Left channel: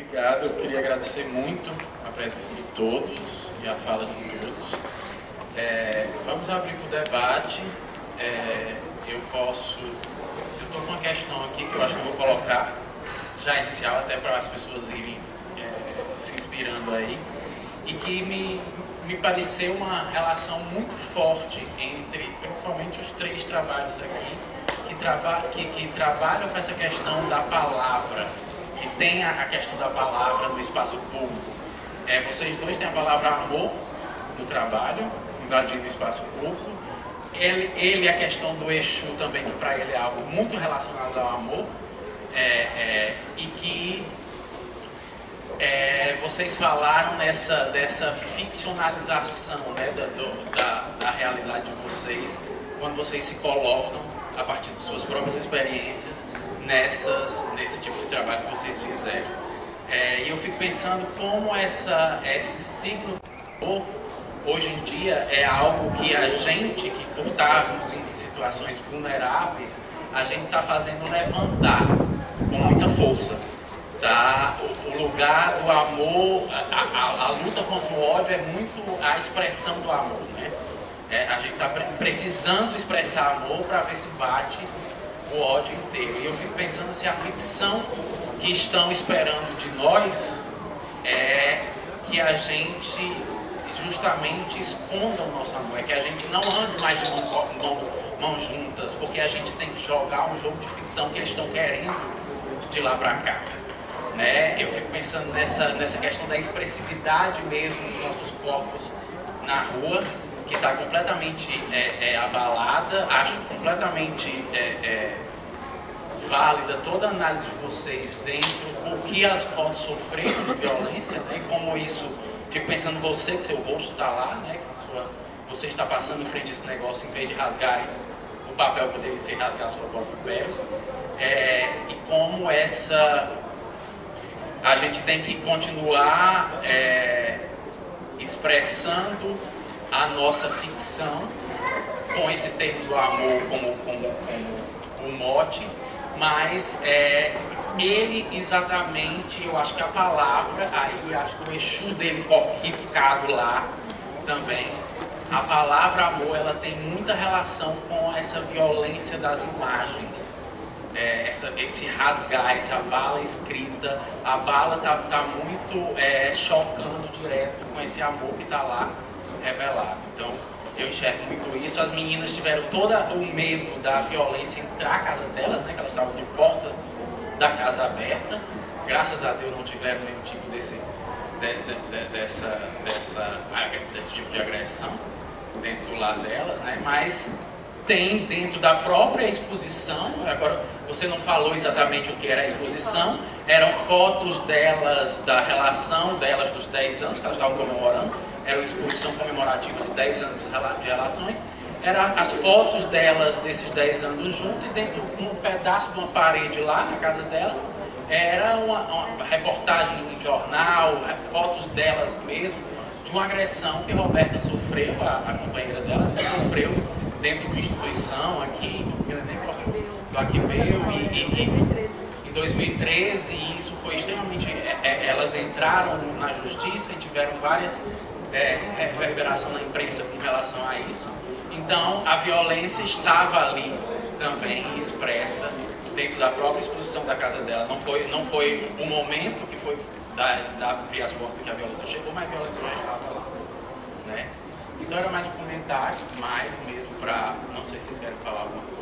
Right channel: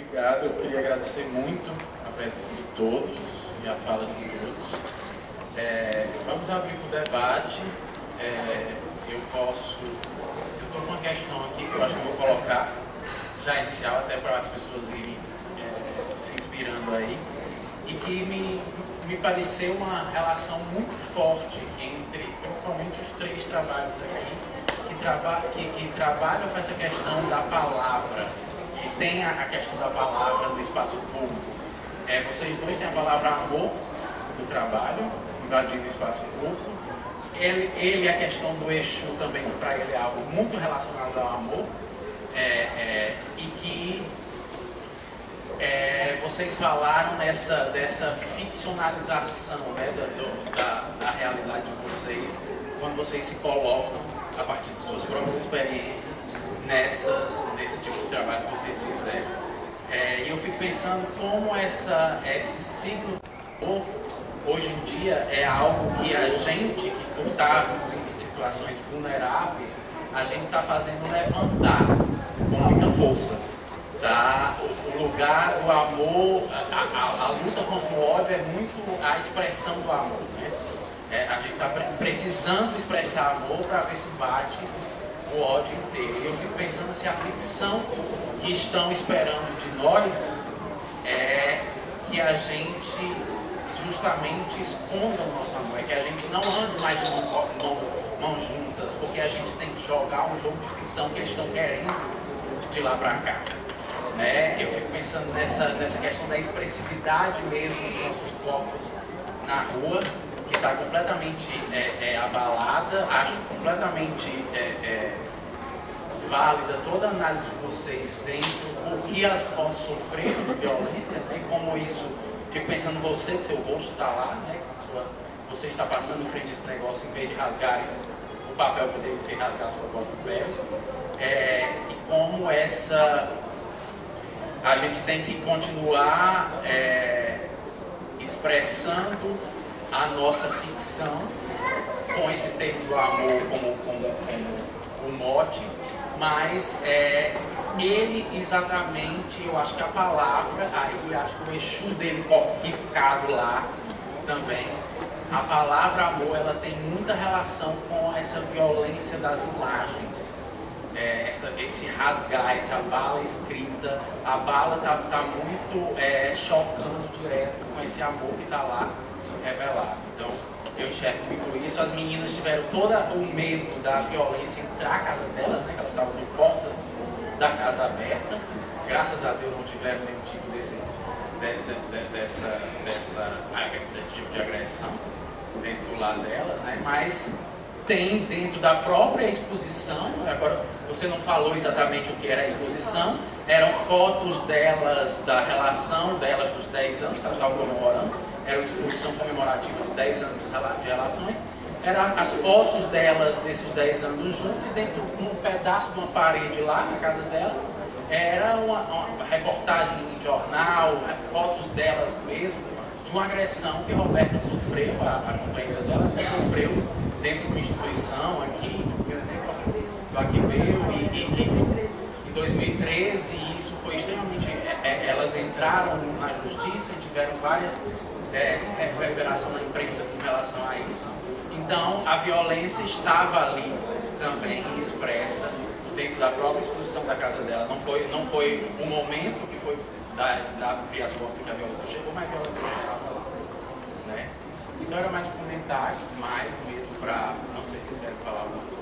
Obrigado, eu queria agradecer muito a presença de todos e a fala de todos. Vamos abrir para o debate. Eu estou com uma questão aqui que eu acho que eu vou colocar já inicial, até para as pessoas irem se inspirando aí, e que me pareceu uma relação muito forte entre, principalmente, os três trabalhos aqui, que trabalham com essa questão da palavra, que tem a questão da palavra no espaço público. Vocês dois têm a palavra amor no trabalho, invadindo o espaço público. Ele a questão do Exu também, que para ele é algo muito relacionado ao amor, e que vocês falaram dessa ficcionalização, né, da realidade de vocês, quando vocês se colocam a partir de suas próprias experiências nesse tipo de trabalho que vocês fizeram. E eu fico pensando como esse ciclo hoje em dia é algo que a gente, que por estarmos em situações vulneráveis, a gente está fazendo levantar com muita força. Tá? O lugar do amor, a luta contra o ódio é muito a expressão do amor, né? A gente está precisando expressar amor para ver se bate o ódio inteiro. E eu fico pensando se a ficção que estão esperando de nós é que a gente justamente esconda o nosso amor, é que a gente não ande mais de mãos juntas, porque a gente tem que jogar um jogo de ficção que eles estão querendo de lá para cá. Eu fico pensando nessa questão da expressividade mesmo dos nossos corpos na rua, que está completamente abalada. Acho completamente válida toda a análise de vocês dentro do que as fotos sofreram de violência, né? Como isso, fico pensando você, que seu rosto está lá, né? Que você está passando em frente a esse negócio, em vez de rasgarem o papel, poderia ser rasgar a sua própria pele. E como a gente tem que continuar expressando a nossa ficção com esse termo do amor como o mote, mas ele exatamente, eu acho que a palavra, aí acho que o Exu dele riscado lá também, a palavra amor, ela tem muita relação com essa violência das imagens. Esse rasgar, essa bala escrita, a bala tá muito chocando direto com esse amor que está lá revelado. Então, eu enxergo muito isso. As meninas tiveram todo o medo da violência entrar na casa delas, né, que elas estavam de porta da casa aberta. Graças a Deus não tiveram nenhum tipo desse tipo de agressão dentro do lado delas, né, mas tem dentro da própria exposição. Agora, você não falou exatamente o que era a exposição, eram fotos delas, da relação delas dos 10 anos que elas estavam comemorando, era uma exposição comemorativa de 10 anos de relações, eram as fotos delas desses 10 anos juntos, e dentro de um pedaço de uma parede lá na casa delas, era uma reportagem em jornal, fotos delas mesmo, de uma agressão que Roberta sofreu, a companheira dela, sofreu dentro de uma instituição aqui, do Aquibeu, em 2013, e isso foi extremamente... elas entraram na justiça e tiveram várias reverberações na imprensa com relação a isso. Então, a violência estava ali também expressa dentro da própria exposição da casa dela. Não foi o momento que foi da abrir as portas que a violência chegou, mas a violência já estava lá, né? Então era mais um comentário, mais mesmo para... Não sei se vocês querem falar alguma coisa.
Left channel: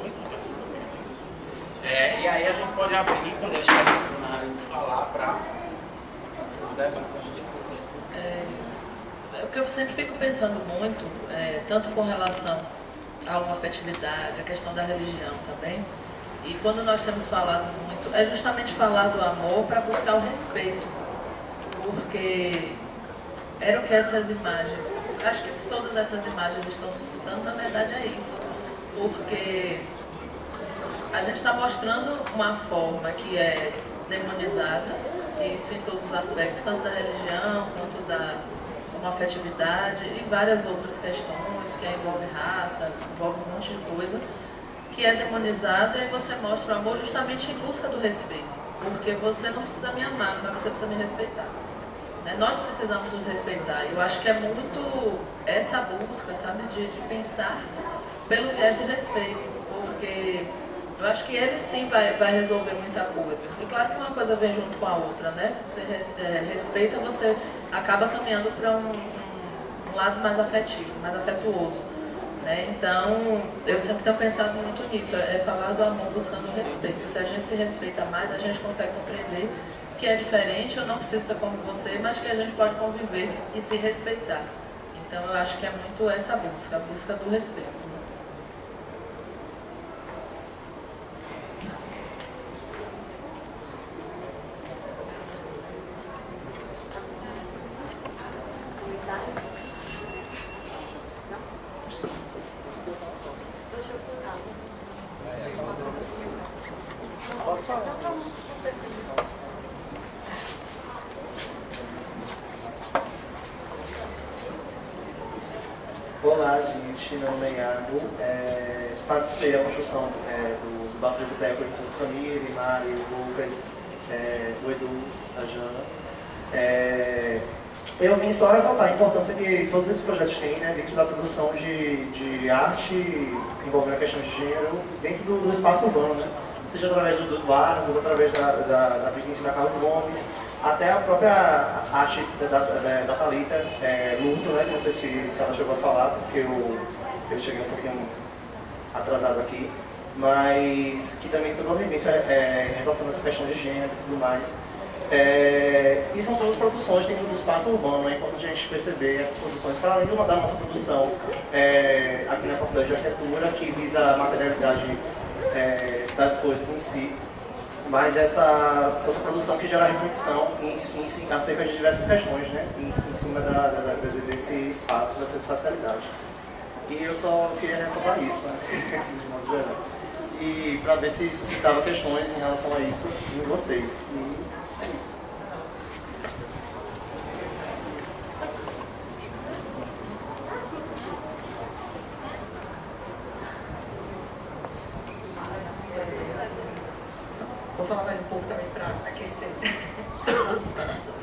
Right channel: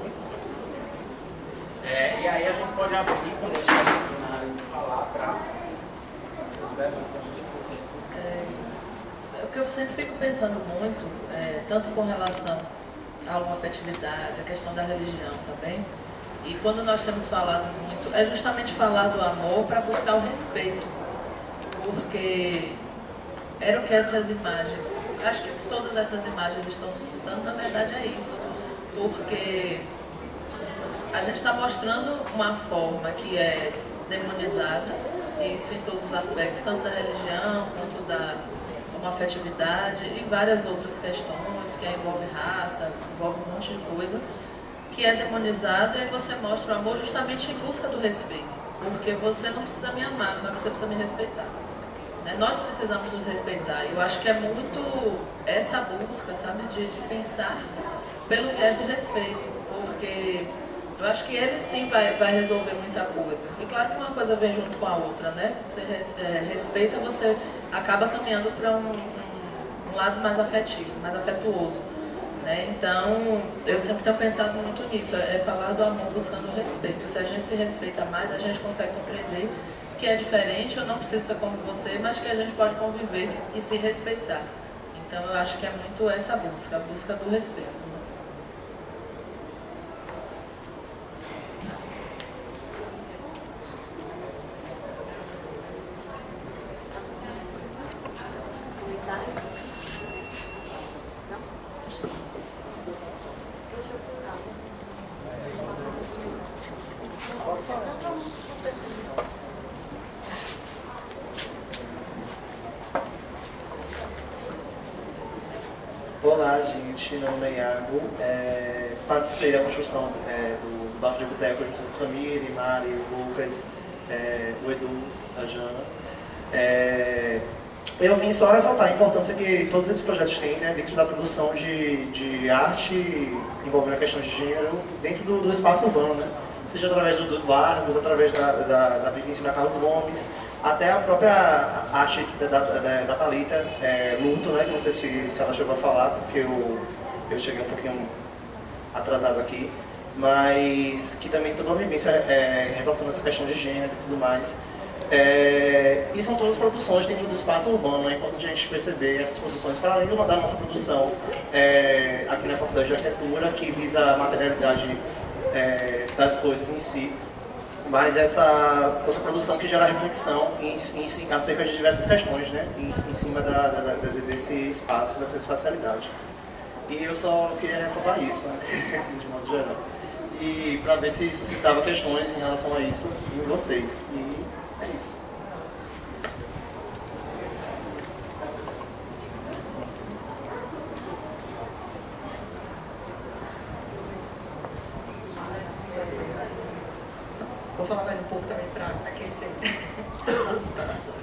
E aí a gente pode abrir, quando eles terminarem de falar, para o debate. O que eu sempre fico pensando muito, tanto com relação à homoafetividade, a questão da religião também, e quando nós temos falado muito, é justamente falar do amor para buscar o respeito, porque era o que essas imagens, acho que todas essas imagens estão suscitando, na verdade é isso, porque a gente está mostrando uma forma que é demonizada, isso em todos os aspectos, tanto da religião quanto da homoafetividade e várias outras questões que envolvem raça, envolve um monte de coisa, que é demonizado, e aí você mostra o amor justamente em busca do respeito. Porque você não precisa me amar, mas você precisa me respeitar. Nós precisamos nos respeitar. Eu acho que é muito essa busca, sabe, de pensar pelo viés do respeito. Porque eu acho que ele sim vai resolver muita coisa. E claro que uma coisa vem junto com a outra, né? Você respeita, você acaba caminhando para um lado mais afetivo, mais afetuoso. Então, eu sempre tenho pensado muito nisso, é falar do amor buscando o respeito. Se a gente se respeita mais, a gente consegue compreender que é diferente, eu não preciso ser como você, mas que a gente pode conviver e se respeitar. Então, eu acho que é muito essa busca, a busca do respeito. Olá, gente, meu nome é Iago, participei da construção do Bafo de Boteco junto com Camille, Mari, Lucas, o Edu, a Jana. Eu vim só ressaltar a importância que todos esses projetos têm, né, dentro da produção de arte envolvendo a questão de gênero, dentro do espaço urbano, né? Seja através dos largos, através da vivência da Carlos Gomes, até a própria arte da Thalita, luto, né? Que não sei se ela chegou a falar, porque eu cheguei um pouquinho atrasado aqui, mas que também toda uma vivência ressaltando essa questão de gênero e tudo mais. E são todas produções dentro do espaço urbano, é importante a gente perceber essas produções, para além da nossa produção aqui na Faculdade de Arquitetura, que visa a materialidade das coisas em si, mas essa outra produção que gera reflexão acerca de diversas questões, né, em cima desse espaço, dessa espacialidade. E eu só queria ressaltar isso, né, de modo geral. E para ver se suscitava questões em relação a isso em vocês. E é isso. Vou falar mais um pouco também para aquecer nossos corações.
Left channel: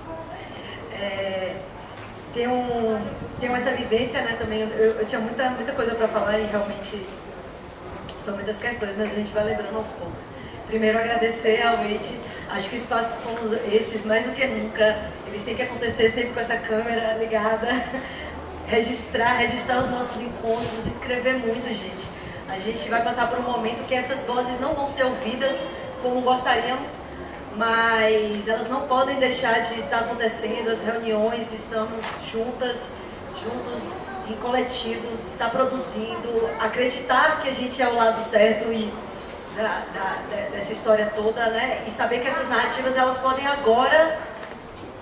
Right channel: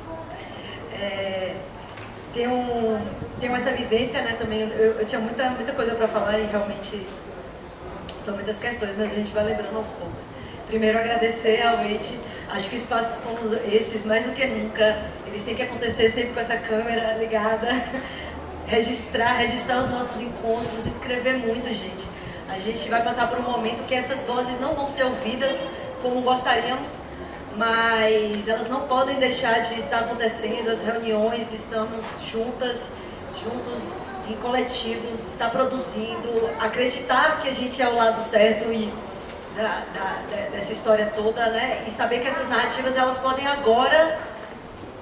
Tenho essa vivência, né, também. Eu tinha muita coisa para falar e realmente são muitas questões, mas a gente vai lembrando aos poucos. Primeiro, agradecer realmente. Acho que espaços como esses, mais do que nunca, eles têm que acontecer sempre com essa câmera ligada. Registrar os nossos encontros, escrever muito, gente. A gente vai passar por um momento que essas vozes não vão ser ouvidas como gostaríamos, mas elas não podem deixar de estar acontecendo. As reuniões, estamos juntos em coletivos, está produzindo, acreditar que a gente é o lado certo e dessa história toda, né? E saber que essas narrativas, elas podem agora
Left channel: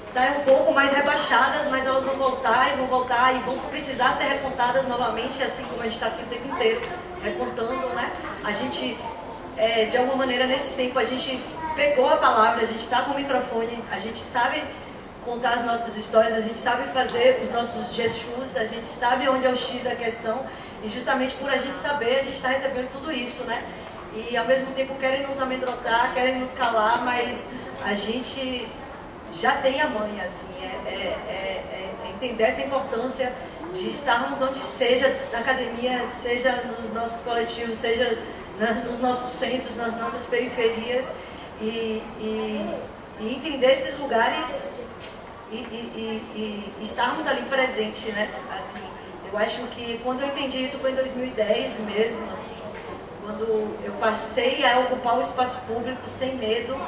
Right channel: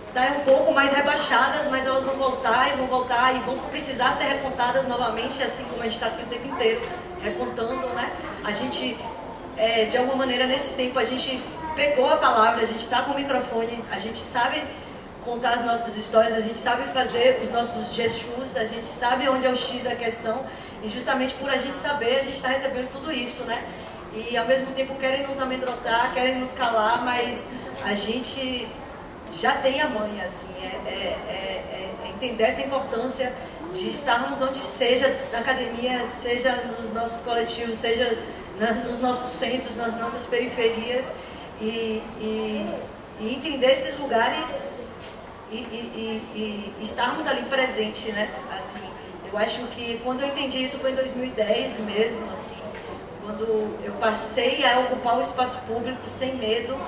estar um pouco mais rebaixadas, mas elas vão voltar e vão precisar ser recontadas novamente, assim como a gente está aqui o tempo inteiro recontando, né? A gente, de alguma maneira, nesse tempo, a gente pegou a palavra, a gente está com o microfone, a gente sabe contar as nossas histórias, a gente sabe fazer os nossos gestos, a gente sabe onde é o X da questão, e justamente por a gente saber, a gente está recebendo tudo isso, né? E ao mesmo tempo querem nos amedrontar, querem nos calar, mas a gente já tem a manha, assim, entender essa importância de estarmos onde seja, na academia, seja nos nossos coletivos, seja nos nossos centros, nas nossas periferias, e entender esses lugares e estarmos ali presentes, né? Assim, eu acho que quando eu entendi isso foi em 2010 mesmo, assim, quando eu passei a ocupar o espaço público sem medo,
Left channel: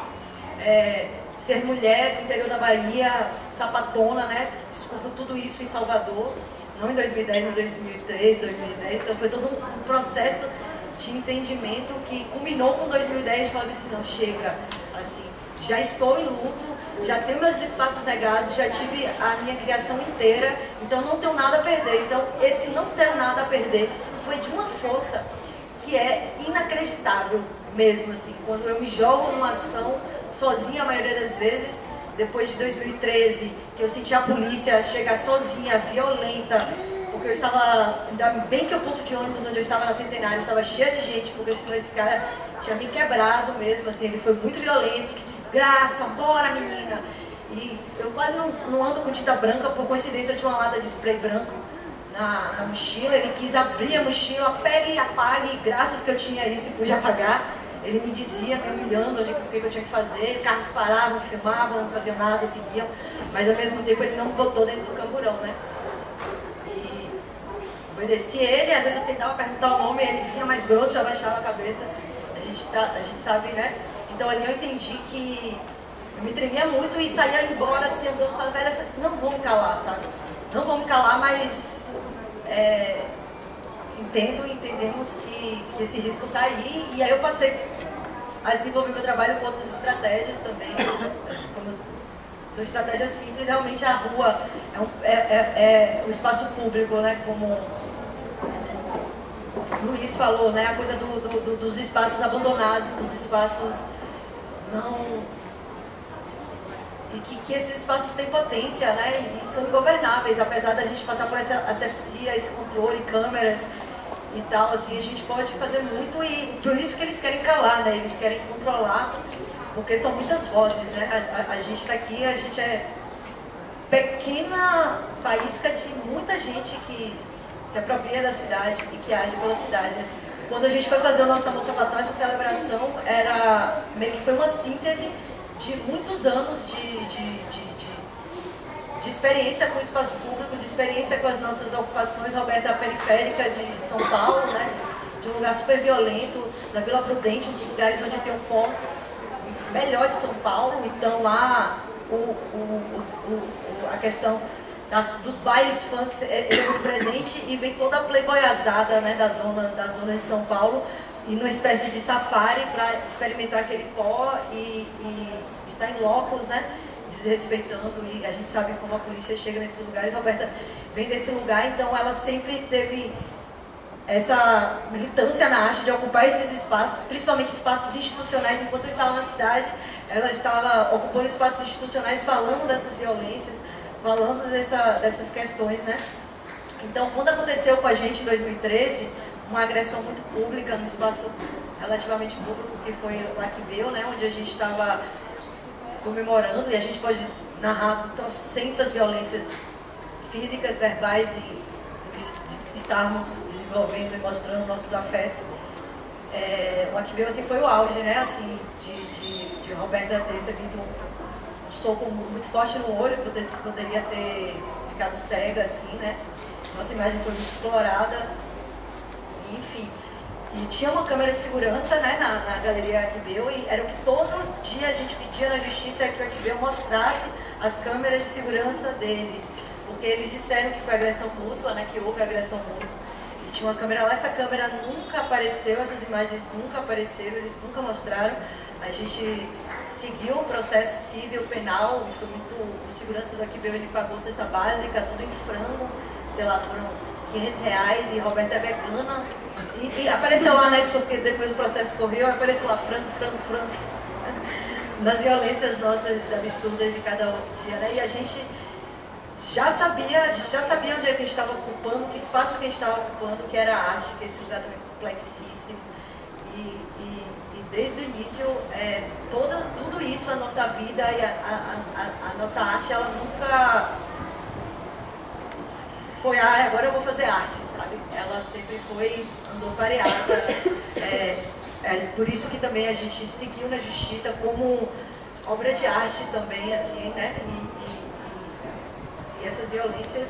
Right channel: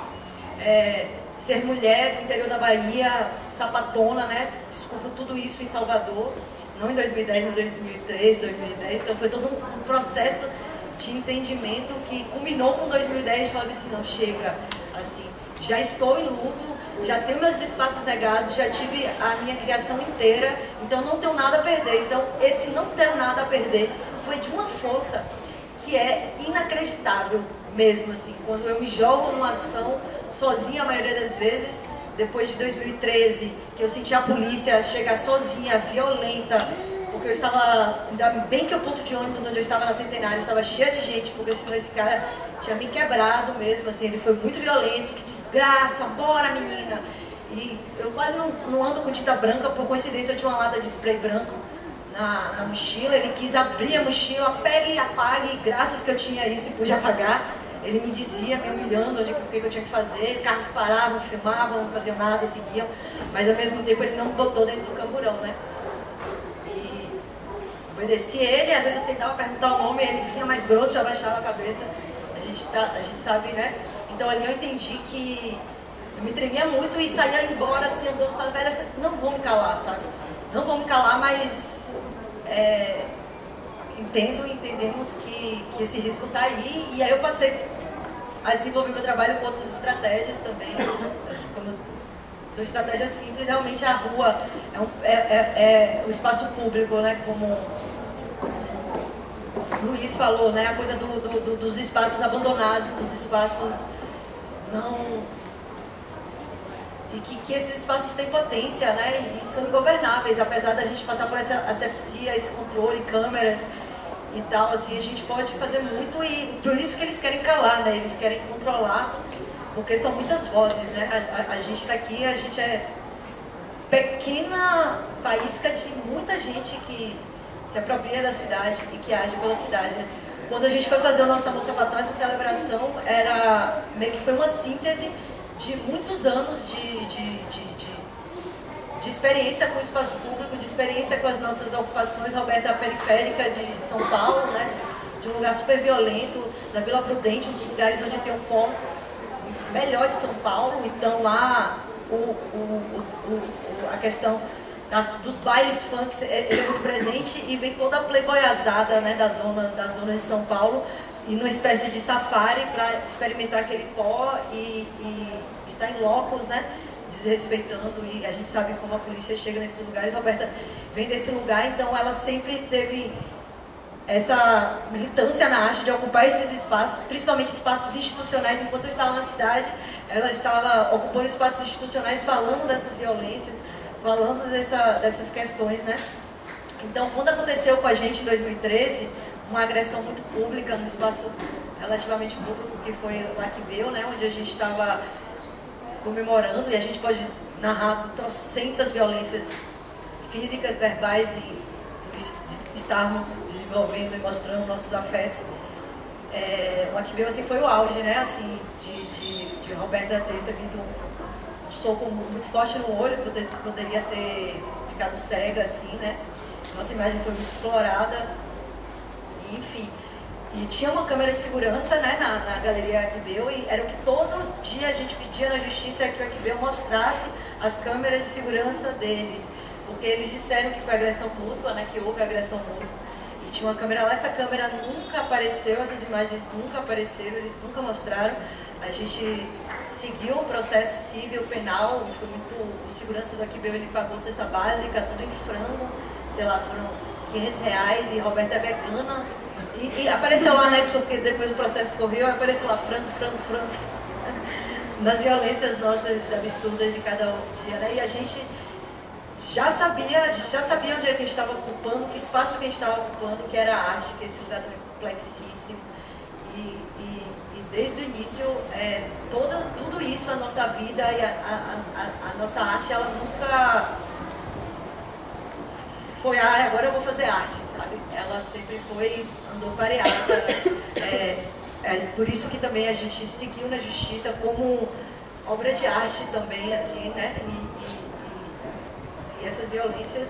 ser mulher do interior da Bahia, sapatona, né? Descubro tudo isso em Salvador, não em 2010, em 2003, 2010, então foi todo um processo de entendimento que culminou com 2010, falando assim, não, chega, assim, já estou em luto, já tenho meus espaços negados, já tive a minha criação inteira, então não tenho nada a perder. Então esse não ter nada a perder foi de uma força que é inacreditável mesmo, assim, quando eu me jogo numa ação sozinha a maioria das vezes, depois de 2013, que eu senti a polícia chegar sozinha, violenta, porque porque eu estava, ainda bem que o ponto de ônibus onde eu estava na Centenário estava cheio de gente, porque senão esse cara tinha me quebrado mesmo, assim, ele foi muito violento, que desgraça, bora menina. E eu quase não ando com tinta branca, por coincidência eu tinha uma lata de spray branco na mochila, ele quis abrir a mochila, pegue e apague, graças que eu tinha isso e pude apagar. Ele me dizia, me humilhando, o que eu tinha que fazer, carros paravam, filmavam, não faziam nada, seguiam, mas ao mesmo tempo ele não me botou dentro do camburão, né? E obedeci ele, às vezes eu tentava perguntar o nome, ele vinha mais grosso, eu abaixava a cabeça, a gente sabe, né? Então ali eu entendi que eu me tremia muito e saía embora assim, andando, falando, velho, não vou me calar, sabe? Não vou me calar, mas entendemos que esse risco está aí, e aí eu passei a desenvolver meu trabalho com outras estratégias também. São estratégias simples, realmente a rua é o espaço público, né? Como o Luiz falou, né? A coisa dos espaços abandonados, dos espaços não... E que esses espaços têm potência, né? E são ingovernáveis, apesar da gente passar por essa asepsia, esse controle, câmeras e tal, assim, a gente pode fazer muito, e por isso que eles querem calar, né? Eles querem controlar, porque são muitas vozes, né? A gente está aqui, a gente é pequena faísca de muita gente que se apropria da cidade e que age pela cidade, né? Quando a gente foi fazer o nosso Amor Sapatão, essa celebração meio que foi uma síntese de muitos anos de experiência com o espaço público, de experiência com as nossas ocupações. Roberta, periférica de São Paulo, né? De um lugar super violento, da Vila Prudente, um dos lugares onde tem um pó melhor de São Paulo. Então lá a questão dos bailes funk ele é muito presente, e vem toda a playboyazada, né, da zona de São Paulo, e numa espécie de safari para experimentar aquele pó e estar em locos, né, desrespeitando, e a gente sabe como a polícia chega nesses lugares. Roberta vem desse lugar, então ela sempre teve essa militância na arte de ocupar esses espaços, principalmente espaços institucionais. Enquanto eu estava na cidade, ela estava ocupando espaços institucionais, falando dessas violências, falando dessas questões, né? Então, quando aconteceu com a gente em 2013, uma agressão muito pública, num espaço relativamente público, que foi o Aquibeu, né, onde a gente estava comemorando, e a gente pode narrar trocentas violências físicas, verbais, e por estarmos desenvolvendo e mostrando nossos afetos. O Aquibeu, assim, foi o auge, né, assim, de Roberta ter recebido um soco muito forte no olho, poderia ter ficado cega, assim, né. Nossa imagem foi muito explorada, e, enfim. E tinha uma câmera de segurança, né, na Galeria Aquibeu, e era o que todo dia a gente pedia na justiça, que o Aquibeu mostrasse as câmeras de segurança deles, porque eles disseram que foi agressão mútua, né, que houve agressão mútua. E tinha uma câmera lá, essa câmera nunca apareceu, essas imagens nunca apareceram, eles nunca mostraram. A gente seguiu o processo civil, penal, foi muito... O segurança do Aquibeu, ele pagou cesta básica, tudo em frango, sei lá, foram R$500, e Roberta é vegana. E apareceu lá, né, porque depois o processo correu, apareceu lá frango, nas violências nossas absurdas de cada dia, né? E a gente já sabia onde é que a gente estava ocupando, que espaço que a gente estava ocupando, que era a arte, que esse lugar também é complexíssimo. E desde o início, tudo isso, a nossa vida e a nossa arte, ela nunca foi, agora eu vou fazer arte, sabe? Ela sempre andou pareada. Por isso que também a gente seguiu na justiça como obra de arte também, assim, né? E essas violências,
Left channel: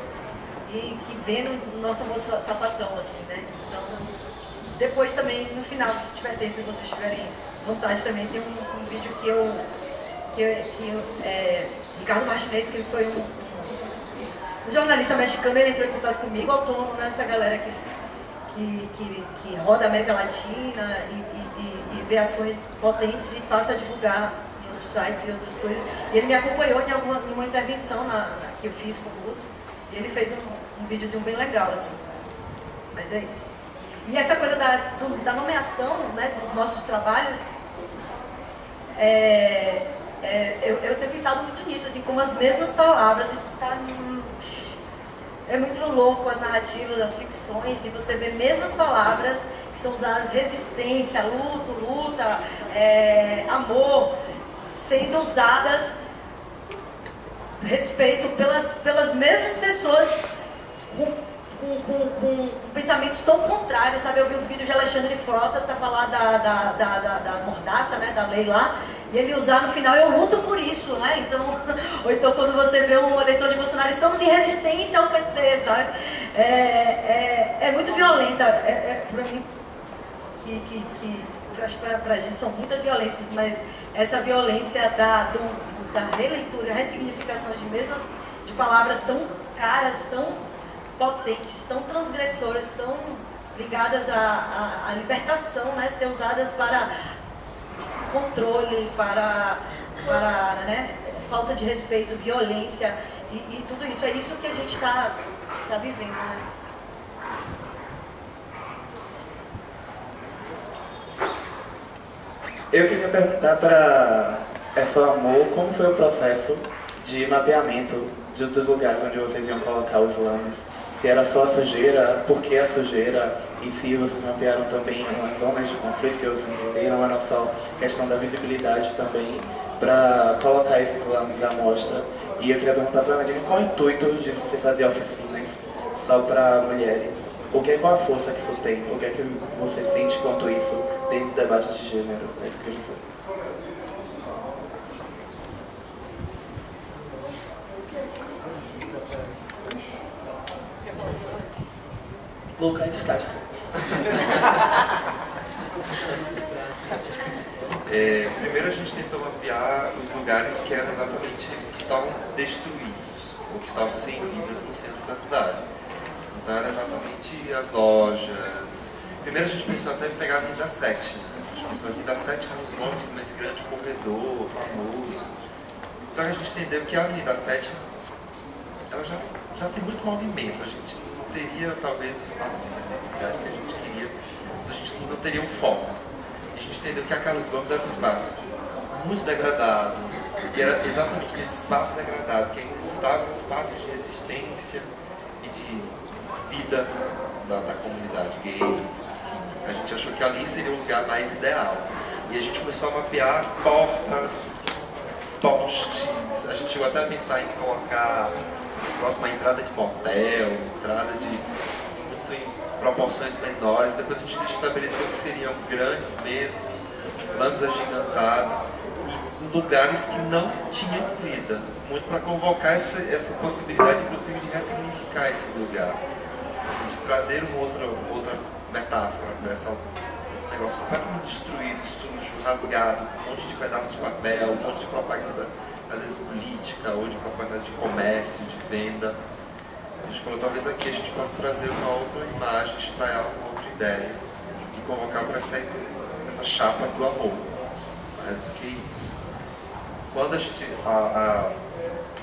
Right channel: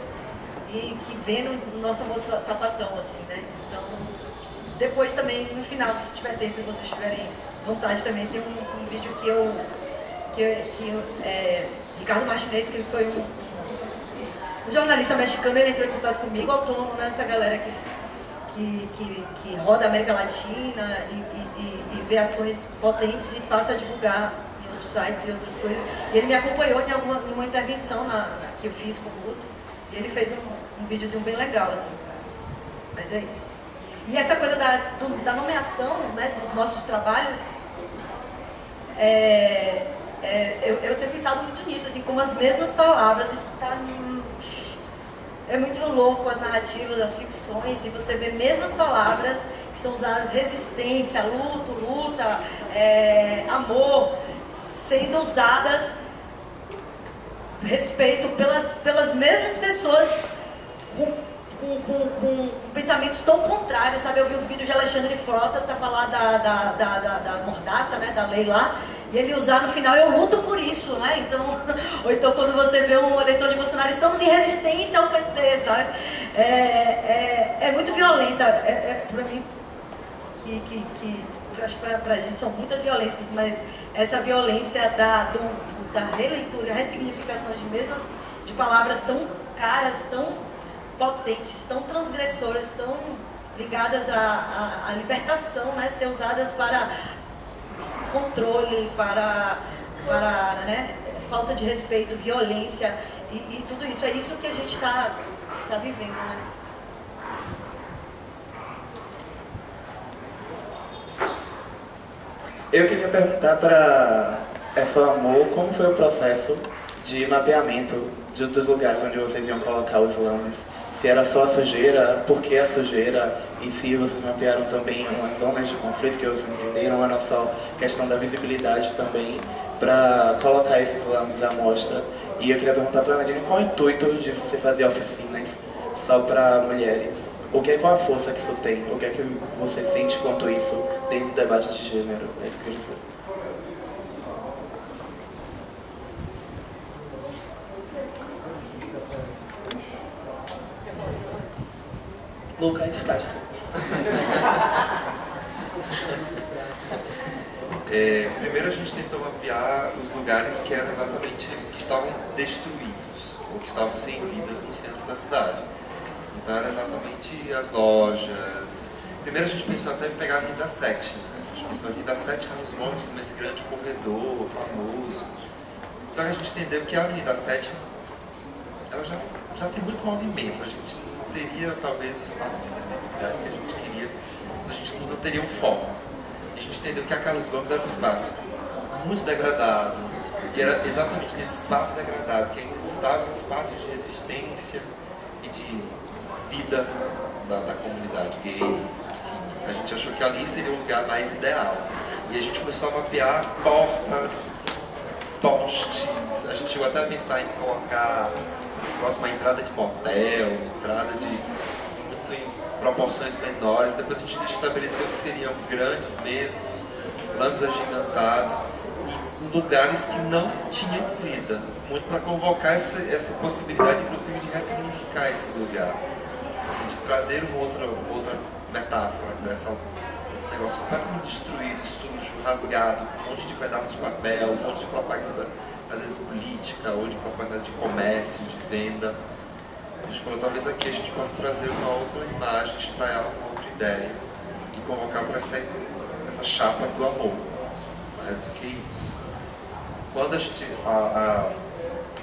e que vem no nosso Amor Sapatão, assim, né? Então, depois também, no final, se tiver tempo e vocês tiverem vontade, também tem um vídeo que Ricardo Martinez, que ele foi um jornalista mexicano, ele entrou em contato comigo, autônomo, nessa galera que roda a América Latina e vê ações potentes e passa a divulgar em outros sites e outras coisas. E ele me acompanhou em uma intervenção que eu fiz com o Guto, e ele fez um videozinho bem legal, assim. Mas é isso. E essa coisa da nomeação, né, dos nossos trabalhos, eu tenho pensado muito nisso, assim, com as mesmas palavras. Isso tá É muito louco as narrativas, as ficções, e você vê mesmas palavras que são usadas, resistência, luto, luta, amor, sendo usadas, respeito, pelas mesmas pessoas com pensamentos tão contrários, sabe? Eu vi um vídeo de Alexandre Frota tá falar da mordaça, né, da lei lá, e ele usar no final, eu luto por isso, né? Então, ou então quando você vê um eleitor de Bolsonaro, estamos em resistência ao PT, sabe? É muito violenta, pra mim, eu acho que pra gente são muitas violências, mas essa violência da releitura, ressignificação de palavras tão caras, tão potentes, tão transgressoras, tão ligadas à libertação, né? Ser usadas para controle, para né? Falta de respeito, violência e tudo isso. É isso que a gente está vivendo, né? Eu queria perguntar para essa Amor, como foi o processo de mapeamento dos lugares onde vocês iam colocar os lames? Se era só a sujeira, por que a sujeira? E se vocês mapearam também umas zonas de conflito que vocês entenderam, ou não só questão da visibilidade também, para colocar esses lames à mostra? E eu queria perguntar para a Nadine qual o intuito de você fazer oficinas só para mulheres? Qual a força que isso tem? O que é que você sente quanto isso dentro do debate de gênero? É isso que eu queria saber. Lucas Castro. Primeiro a gente tentou mapear os lugares que eram exatamente que estavam destruídos ou que estavam sem vidas no centro da cidade. Então era exatamente as lojas. Primeiro a gente pensou até em pegar a Avenida 7, né? A gente pensou a Avenida 7 Carlos Gomes como esse grande corredor famoso. Só que a gente entendeu que a Avenida 7 ela já tem muito movimento. A gente não teria talvez o espaço de visibilidade que a gente queria, mas a gente não teria um foco. E a gente entendeu que a Carlos Gomes era um espaço muito degradado, e era exatamente nesse espaço degradado que ainda estavam os espaços de resistência e de vida da comunidade gay. Enfim, a gente achou que ali seria o lugar mais ideal. E a gente começou a mapear portas, postes, a gente chegou até a pensar em colocar próxima entrada de motel, entrada de muito em proporções menores. Depois a gente estabeleceu que seriam grandes mesmo, lames agigantados, e lugares que não tinham vida, muito para convocar essa possibilidade, inclusive, de ressignificar esse lugar, assim, de trazer uma outra metáfora para esse negócio completamente destruído, sujo, rasgado, um monte de pedaços de papel, um monte de propaganda, às vezes política, ou de propaganda de comércio, de venda. A gente falou, talvez aqui a gente possa trazer uma outra imagem, espalhar uma outra ideia e convocar para essa chapa do amor, assim, mais do que isso. Quando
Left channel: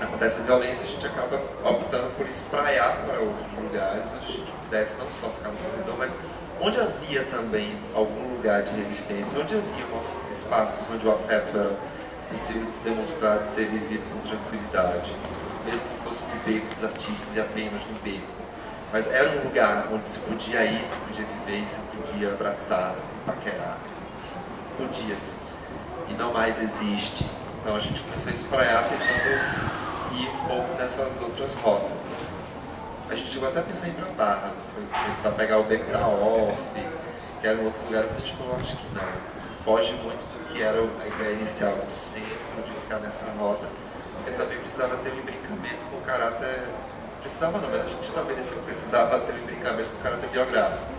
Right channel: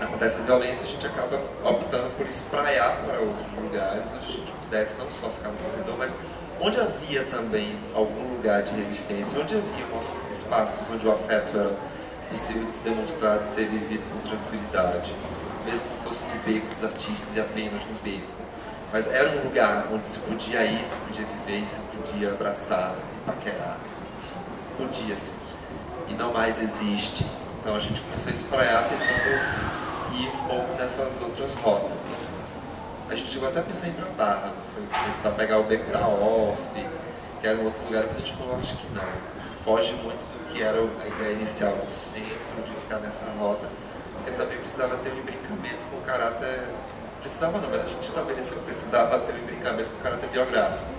acontece a violência, a gente acaba optando por espraiar para outros lugares, onde a gente pudesse não só ficar no corredor, mas onde havia também algum lugar de resistência, onde havia espaços onde o afeto era possível de se demonstrar, de ser vivido com tranquilidade, mesmo que fosse no beco dos artistas e apenas no beco. Mas era um lugar onde se podia ir, se podia viver, se podia abraçar e paquerar. Enfim, podia sim. E não mais existe. Então a gente começou a espraiar, tentando ir um pouco nessas outras rotas. Assim. A gente chegou até a pensar em ir pra Barra, foi tentar pegar o beco da Off, que era um outro lugar, mas a gente falou, acho que não. Foge muito do que era a ideia inicial do centro, de ficar nessa rota, porque também precisava ter um imbricamento com o caráter... Precisava não, mas a gente estabeleceu que precisava ter um imbricamento com o caráter biográfico.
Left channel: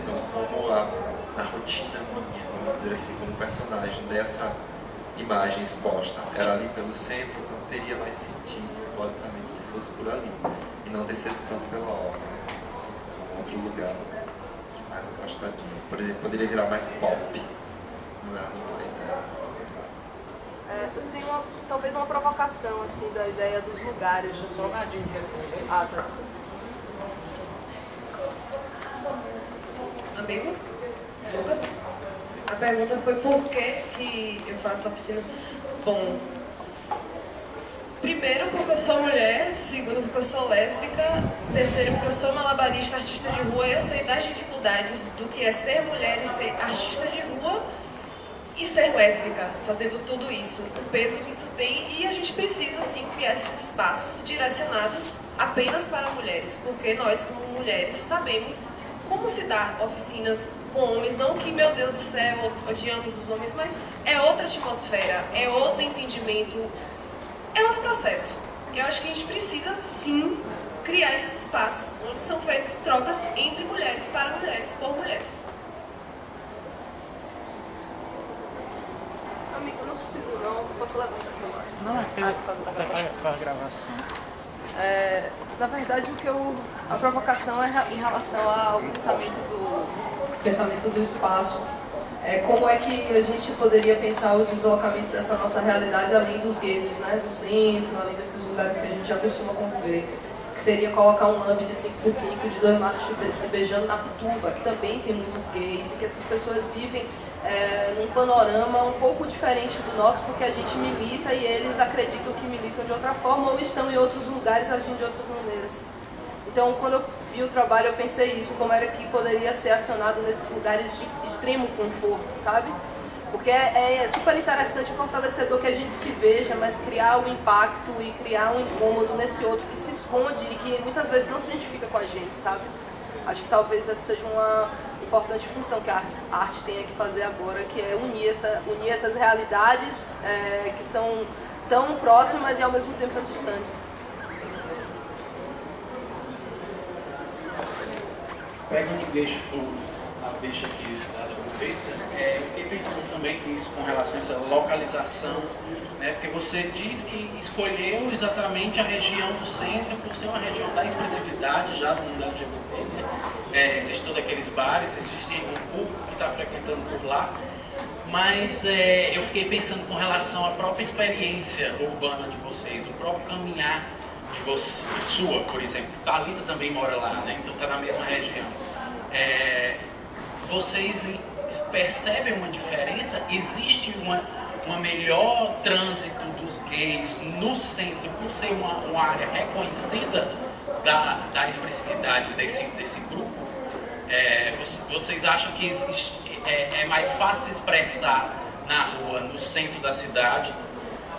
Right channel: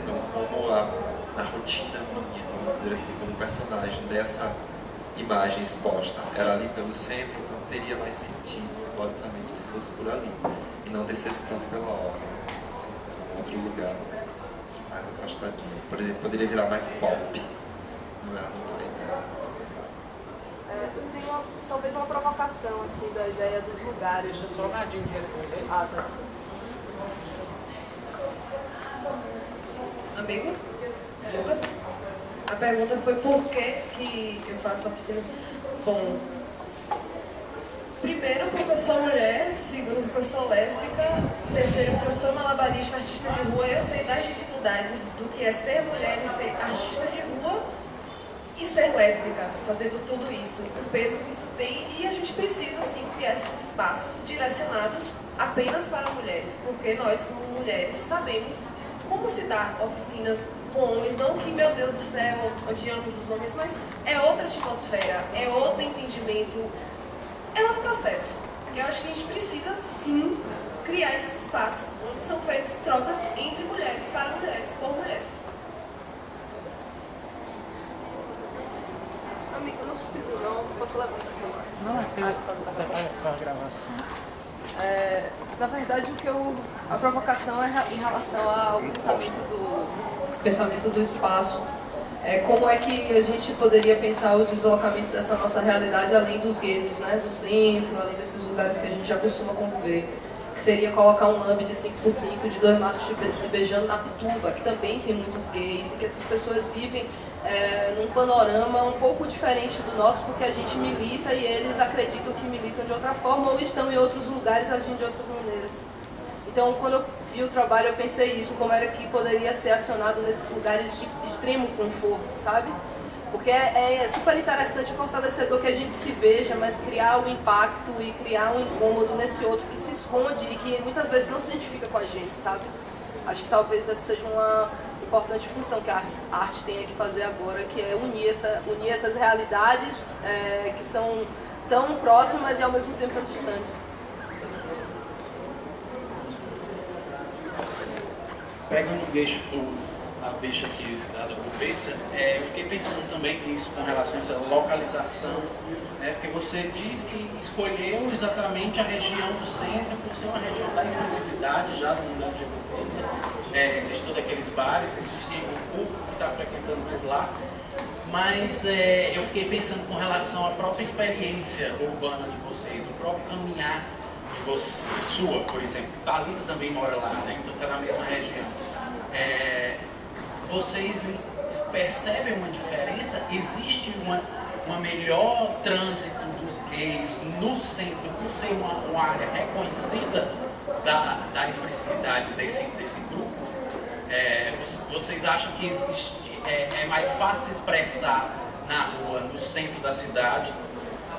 Então, como a rotina minha, vamos dizer assim, como personagem dessa imagem exposta era ali pelo centro, então teria mais sentido, simbolicamente, que fosse por ali, e não descesse tanto pela hora. Assim, era um outro lugar mais afastadinho. Poderia virar mais pop. Não era muito a ideia. Eu tenho talvez uma provocação assim, da ideia dos lugares. Deixa só a Nadine responder. Ah, tá, desculpa. Amigo? Lucas? A pergunta foi por que eu faço oficina. Bom, Primeiro, porque eu sou mulher. Segundo, porque eu sou lésbica. Terceiro, porque eu sou malabarista, artista de rua. Eu sei das dificuldades do que é ser mulher e ser artista de rua e ser lésbica, fazendo tudo isso, o peso que isso tem. E a gente precisa, sim, criar esses espaços direcionados apenas para mulheres, porque nós, como mulheres, sabemos como se dá oficinas com homens. Não que, meu Deus do céu, odiamos os homens, mas é outra atmosfera, é outro entendimento, é outro processo. Eu acho que a gente precisa, sim, criar esses espaços onde são feitas trocas entre mulheres, para mulheres, por mulheres. Amigo, não preciso não, posso levar para falar. Não, é até para a gravação. Na verdade, a provocação é em relação ao pensamento do espaço. Como é que a gente poderia pensar o deslocamento dessa nossa realidade além dos guetos, né, do centro, além desses lugares que a gente já costuma conviver, que seria colocar um lambe de 5x5 de 2 machos se beijando na Pituba, que também tem muitos gays, e que essas pessoas vivem num panorama um pouco diferente do nosso, porque a gente milita e eles acreditam que militam de outra forma ou estão em outros lugares agindo de outras maneiras. Então, quando eu vi o trabalho, eu pensei isso, como era que poderia ser acionado nesses lugares de extremo conforto, sabe? Porque é super interessante e fortalecedor que a gente se veja, mas criar um impacto e criar um incômodo nesse outro que se esconde e que muitas vezes não se identifica com a gente, sabe? Acho que talvez essa seja uma importante função que a arte tenha que fazer agora, que é unir essas realidades que são tão próximas e ao mesmo tempo tão distantes. Pegando a deixa aqui da conversa, eu fiquei pensando também nisso com relação a essa localização, né? Porque você diz que escolheu exatamente a região do centro por ser uma região da expressividade já do mundo LGBT, né? Existem todos aqueles bares, existe um público que está frequentando por lá, mas eu fiquei pensando com relação à própria experiência urbana de vocês, o próprio caminhar de você, sua, por exemplo. Thalita também mora lá, né? Então está na mesma região. Vocês percebem uma diferença? Existe uma melhor trânsito dos gays no centro por ser uma área reconhecida da expressividade desse grupo? Vocês acham que é mais fácil se expressar na rua, no centro da cidade,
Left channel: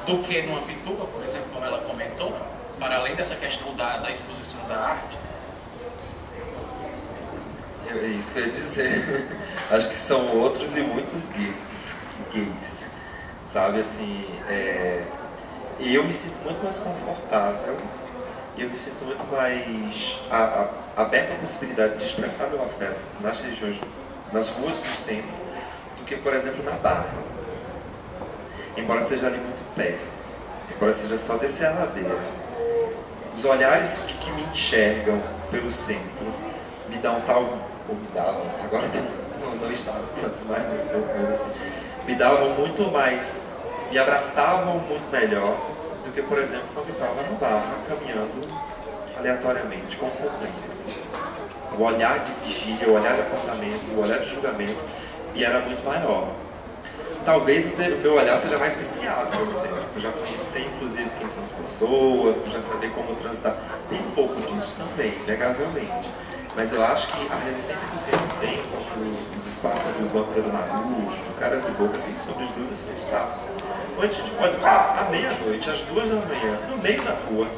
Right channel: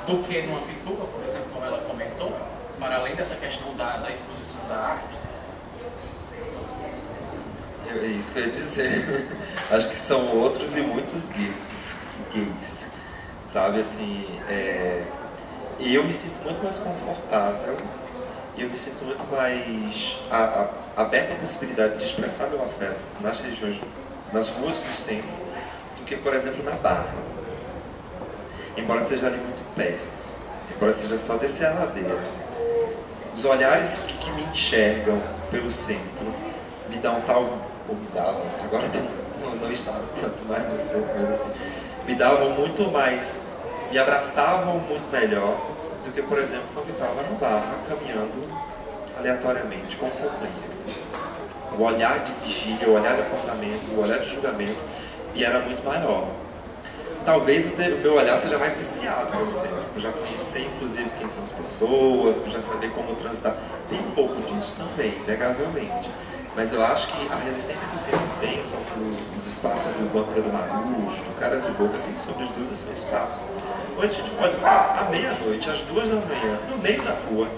do que numa Pituba, por exemplo, como ela comentou, para além dessa questão da exposição da arte? É isso que eu ia dizer. Acho que são outros e muitos gays, sabe, assim, e eu me sinto muito mais confortável, e eu me sinto muito mais aberto à possibilidade de expressar meu afeto nas regiões, nas ruas do centro, do que, por exemplo, na Barra. Embora seja ali muito perto, embora seja só descer a ladeira, os olhares que me enxergam pelo centro me dão ou me davam, agora não estava tanto mais no centro, mas assim, me davam muito mais, me abraçavam muito melhor do que, por exemplo, quando eu estava no Barra, caminhando aleatoriamente, com o companheiro. O olhar de vigília, o olhar de apontamento, o olhar de julgamento me era muito maior. Talvez o meu olhar seja mais viciado pelo centro, por já conhecer inclusive quem são as pessoas, por já saber como transitar. Tem um pouco disso também, inegavelmente. Mas eu acho que a resistência que o centro tem, os espaços do Banco do Marujo, do Caras e Bocas, sem sombra de dúvida, são espaços onde a gente pode estar à meia-noite, às 2 da manhã, no meio da rua,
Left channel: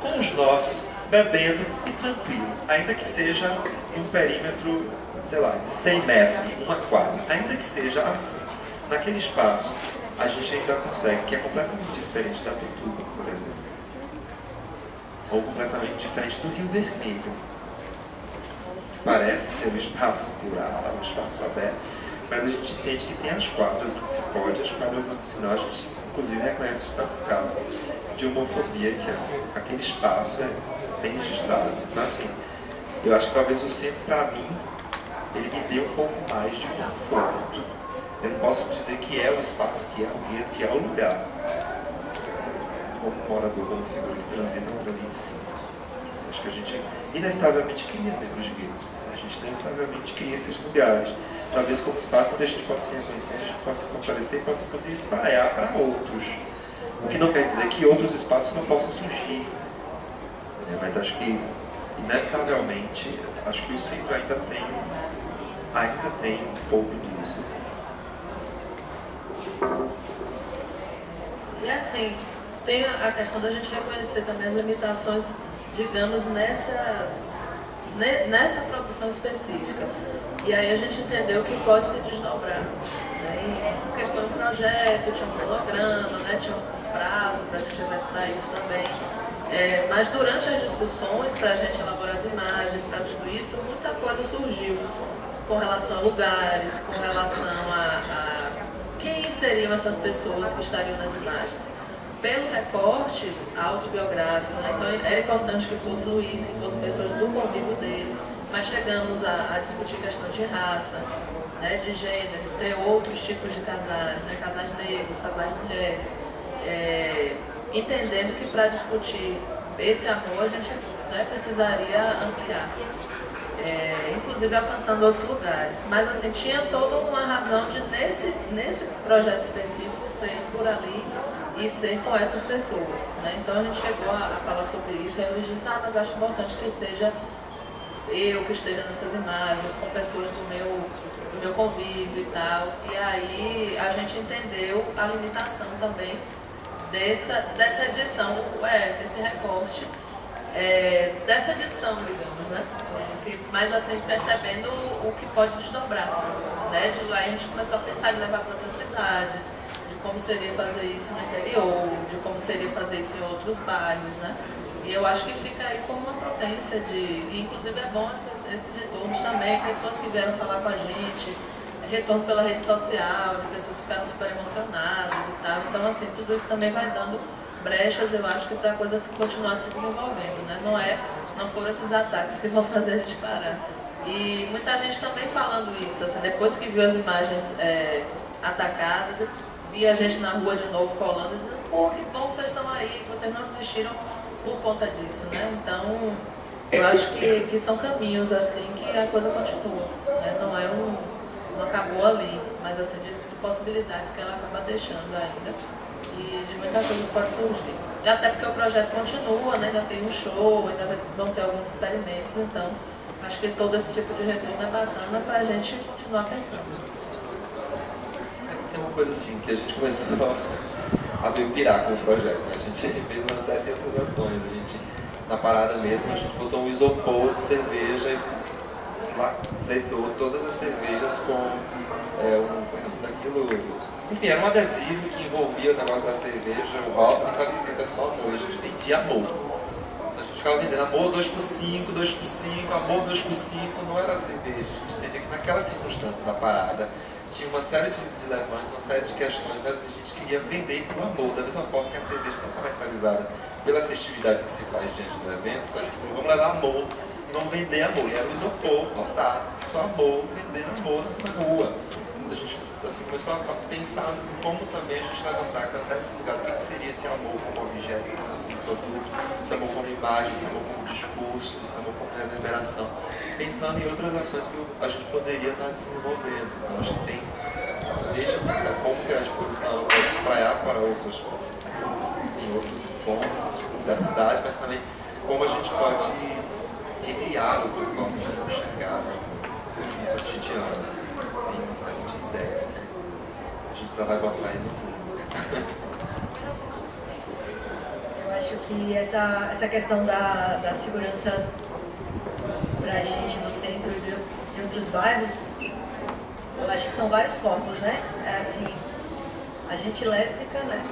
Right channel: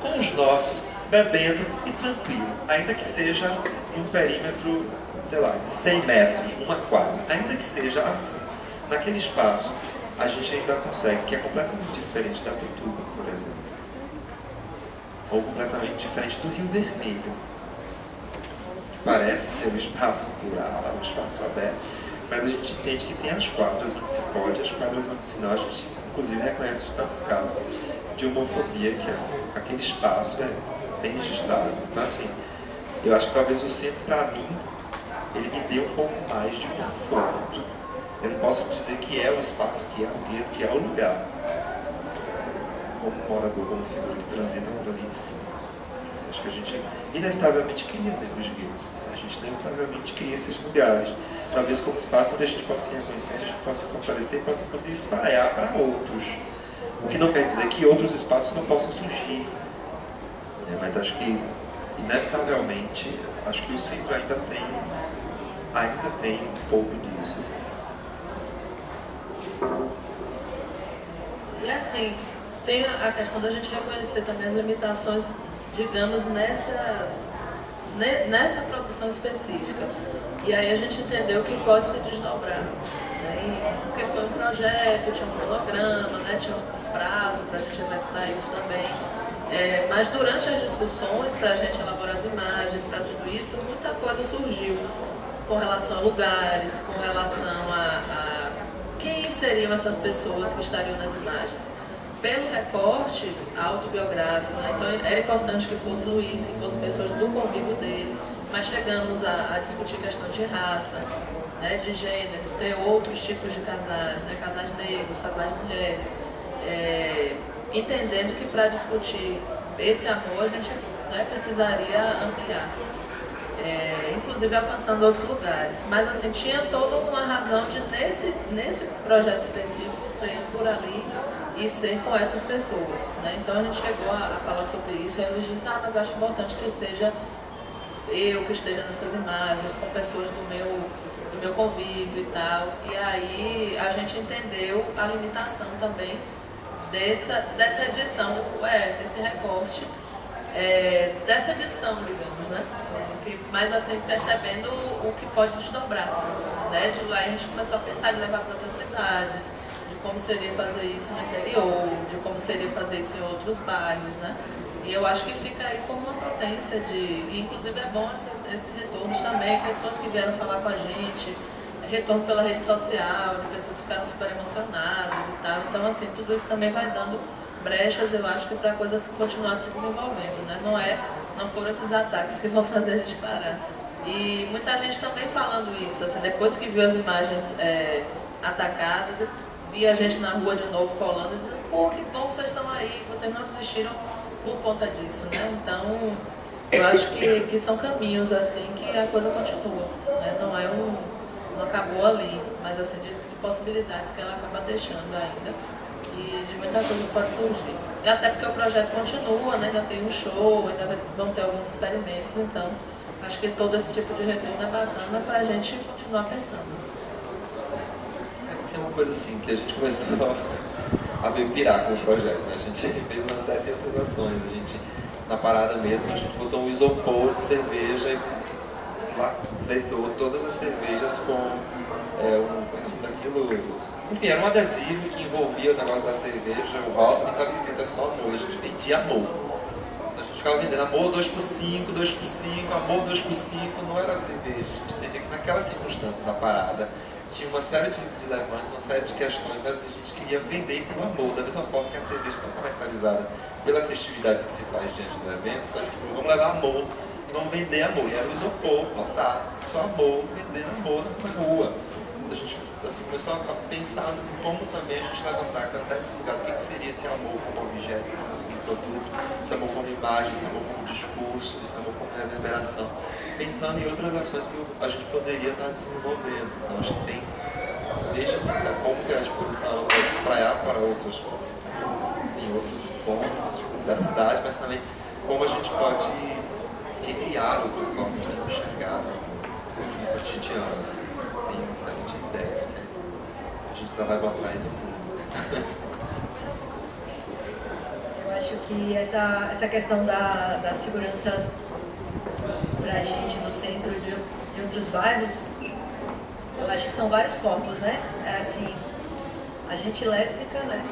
com os nossos, bebendo e tranquilo, ainda que seja num perímetro, sei lá, de 100 metros, uma quadra, ainda que seja assim, naquele espaço, a gente ainda consegue, que é completamente diferente da Pituba, por exemplo, ou completamente diferente do Rio Vermelho. Parece ser um espaço plural, um espaço aberto, mas a gente entende que tem as quadras onde se pode, as quadras onde se não. A gente, inclusive, reconhece os tantos casos de homofobia que aquele espaço é bem registrado. Então, assim, eu acho que talvez o centro, para mim, ele me dê um pouco mais de conforto. Eu não posso dizer que é o espaço, que é o gueto, que é o lugar, como morador, como figura que transita por ali em cima. Acho que a gente inevitavelmente cria dentro dos guetos. A gente inevitavelmente cria esses lugares. Talvez como espaço onde a gente possa se reconhecer, onde a gente possa se fortalecer e possa inclusive espalhar para outros. O que não quer dizer que outros espaços não possam surgir, né? Mas acho que, inevitavelmente, acho que o centro ainda tem um pouco disso. Assim. E assim, tem a questão da gente reconhecer também as limitações, digamos, nessa produção específica. E aí a gente entendeu que pode se desdobrar. Né? Porque foi um projeto, tinha um cronograma, né? Tinha um prazo para a gente executar isso também. Mas durante as discussões, para a gente elaborar as imagens, para tudo isso, muita coisa surgiu com relação a lugares, com relação a quem seriam essas pessoas que estariam nas imagens. Pelo recorte autobiográfico, né? Então era importante que fosse Luiz, que fossem pessoas do convívio dele, mas chegamos a discutir questões de raça, né? De gênero, ter outros tipos de casais, né? Casais negros, casais de mulheres, entendendo que para discutir esse amor a gente, né, precisaria ampliar. Inclusive alcançando outros lugares. Mas assim, tinha toda uma razão de nesse projeto específico ser por ali e ser com essas pessoas. Né? Então a gente chegou a falar sobre isso e a Luiz disse, mas eu acho importante que seja eu que esteja nessas imagens, com pessoas do meu convívio e tal. E aí a gente entendeu a limitação também dessa edição, desse recorte, dessa edição, digamos, né? Mas assim, percebendo o que pode desdobrar, né? De lá a gente começou a pensar em levar para outras cidades, de como seria fazer isso no interior, de como seria fazer isso em outros bairros, né? E eu acho que fica aí como uma potência e inclusive é bom esses retornos também, pessoas que vieram falar com a gente, retorno pela rede social, de pessoas que ficaram super emocionadas e tal. Então, assim, tudo isso também vai dando brechas, eu acho que para a coisa continuar se desenvolvendo, né? Não foram esses ataques que vão fazer a gente parar. E muita gente também falando isso, assim, depois que viu as imagens atacadas, via a gente na rua de novo colando, dizendo, pô, que bom que vocês estão aí, que vocês não desistiram por conta disso, né? Então, eu acho que são caminhos, assim, que a coisa continua, né? Não acabou ali, mas assim, de possibilidades que ela acaba deixando ainda e de muita coisa que pode surgir. E até porque o projeto continua, né? Ainda tem um show, ainda vão ter alguns experimentos, então acho que todo esse tipo de retorno é bacana para a gente continuar pensando nisso. Tem uma coisa assim, que a gente começou a meio pirar com o projeto, né? A gente fez uma série de outras ações, a gente, na parada mesmo, a gente botou um isopor de cerveja e lá vedou todas as cervejas com enfim, era um adesivo que envolvia o negócio da cerveja, o rótulo, e estava escrito só amor, e a gente vendia amor. Então a gente ficava vendendo amor 2x5, 2x5, amor 2x5, não era cerveja. A gente entendia que naquela circunstância da parada tinha uma série de levantes, uma série de questões, mas a gente queria vender com amor, da mesma forma que a cerveja está comercializada pela festividade que se faz diante do evento. Então a gente falou, vamos levar amor e vamos vender amor. E era o isopor, lotado, só amor, vendendo amor na rua. A gente assim, começou a pensar como também a gente levantar, cantar esse lugar, o que seria esse amor como objeto, esse amor como produto, esse amor como imagem, esse amor como discurso, esse amor como reverberação, pensando em outras ações que a gente poderia estar desenvolvendo. Então acho que tem, desde pensar como que a exposição ela pode se espraiar para outros pontos da cidade, mas também como a gente pode recriar outras formas de enxergar o cotidiano, assim. Tem uma série de ideias que a gente ainda vai botar aí no mundo. Eu acho que essa questão da segurança para a gente do centro e de outros bairros, eu acho que são vários corpos, né? Assim, a gente lésbica, né?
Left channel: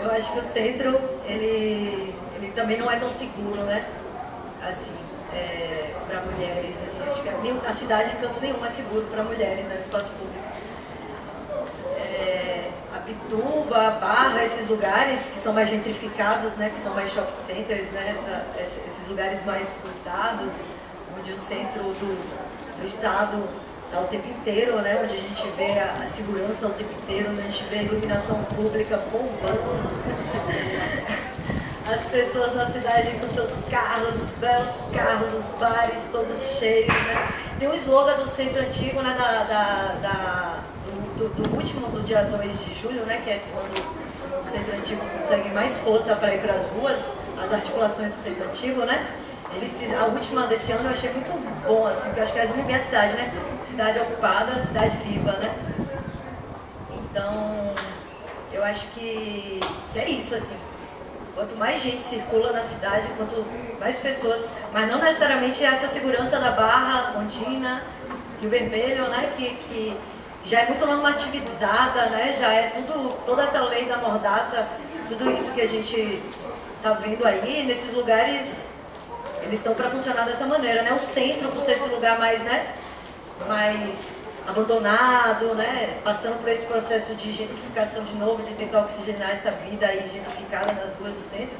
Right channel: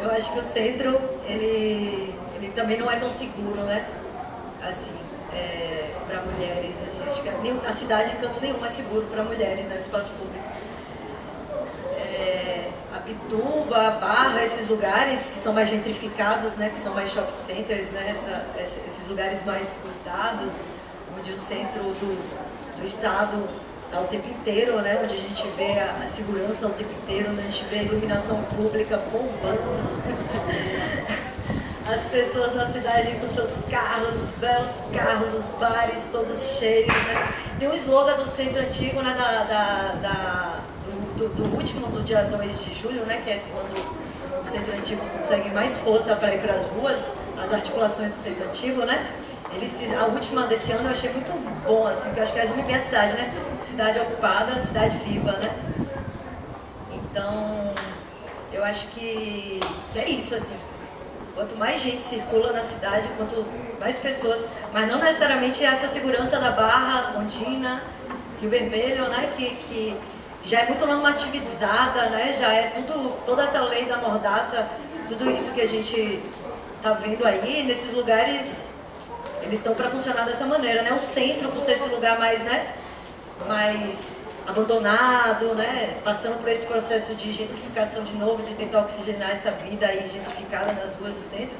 Eu acho que o centro, ele também não é tão seguro, né? Assim, para mulheres, assim, acho que a cidade em canto nenhum é seguro para mulheres, né, no espaço público. A Pituba, a Barra, esses lugares que são mais gentrificados, né, que são mais shopping centers, né, esses lugares mais cuidados, onde o centro do estado está o tempo inteiro, né, onde a gente vê a segurança o tempo inteiro, onde a gente vê a iluminação pública bombando. As pessoas na cidade com seus carros, os belos carros, os bares todos cheios, né? Tem um slogan do centro antigo, né, do último, do dia 2 de julho, né, que é quando o Centro Antigo consegue mais força para ir para as ruas, as articulações do Centro Antigo, né? Eles fizeram, a última desse ano eu achei muito bom, assim, porque eu acho que resume bem a cidade, né? Cidade ocupada, cidade viva, né? Então, eu acho que é isso, assim. Quanto mais gente circula na cidade, quanto mais pessoas, mas não necessariamente essa segurança da Barra, Ondina, Rio Vermelho, né? Que já é muito normativizada, né? Já é tudo, toda essa lei da mordaça, tudo isso que a gente está vendo aí, nesses lugares, eles estão para funcionar dessa maneira, né? O centro, por ser esse lugar mais, né? Mais abandonado, né? Passando por esse processo de gentrificação de novo, de tentar oxigenar essa vida aí gentrificada nas ruas do centro,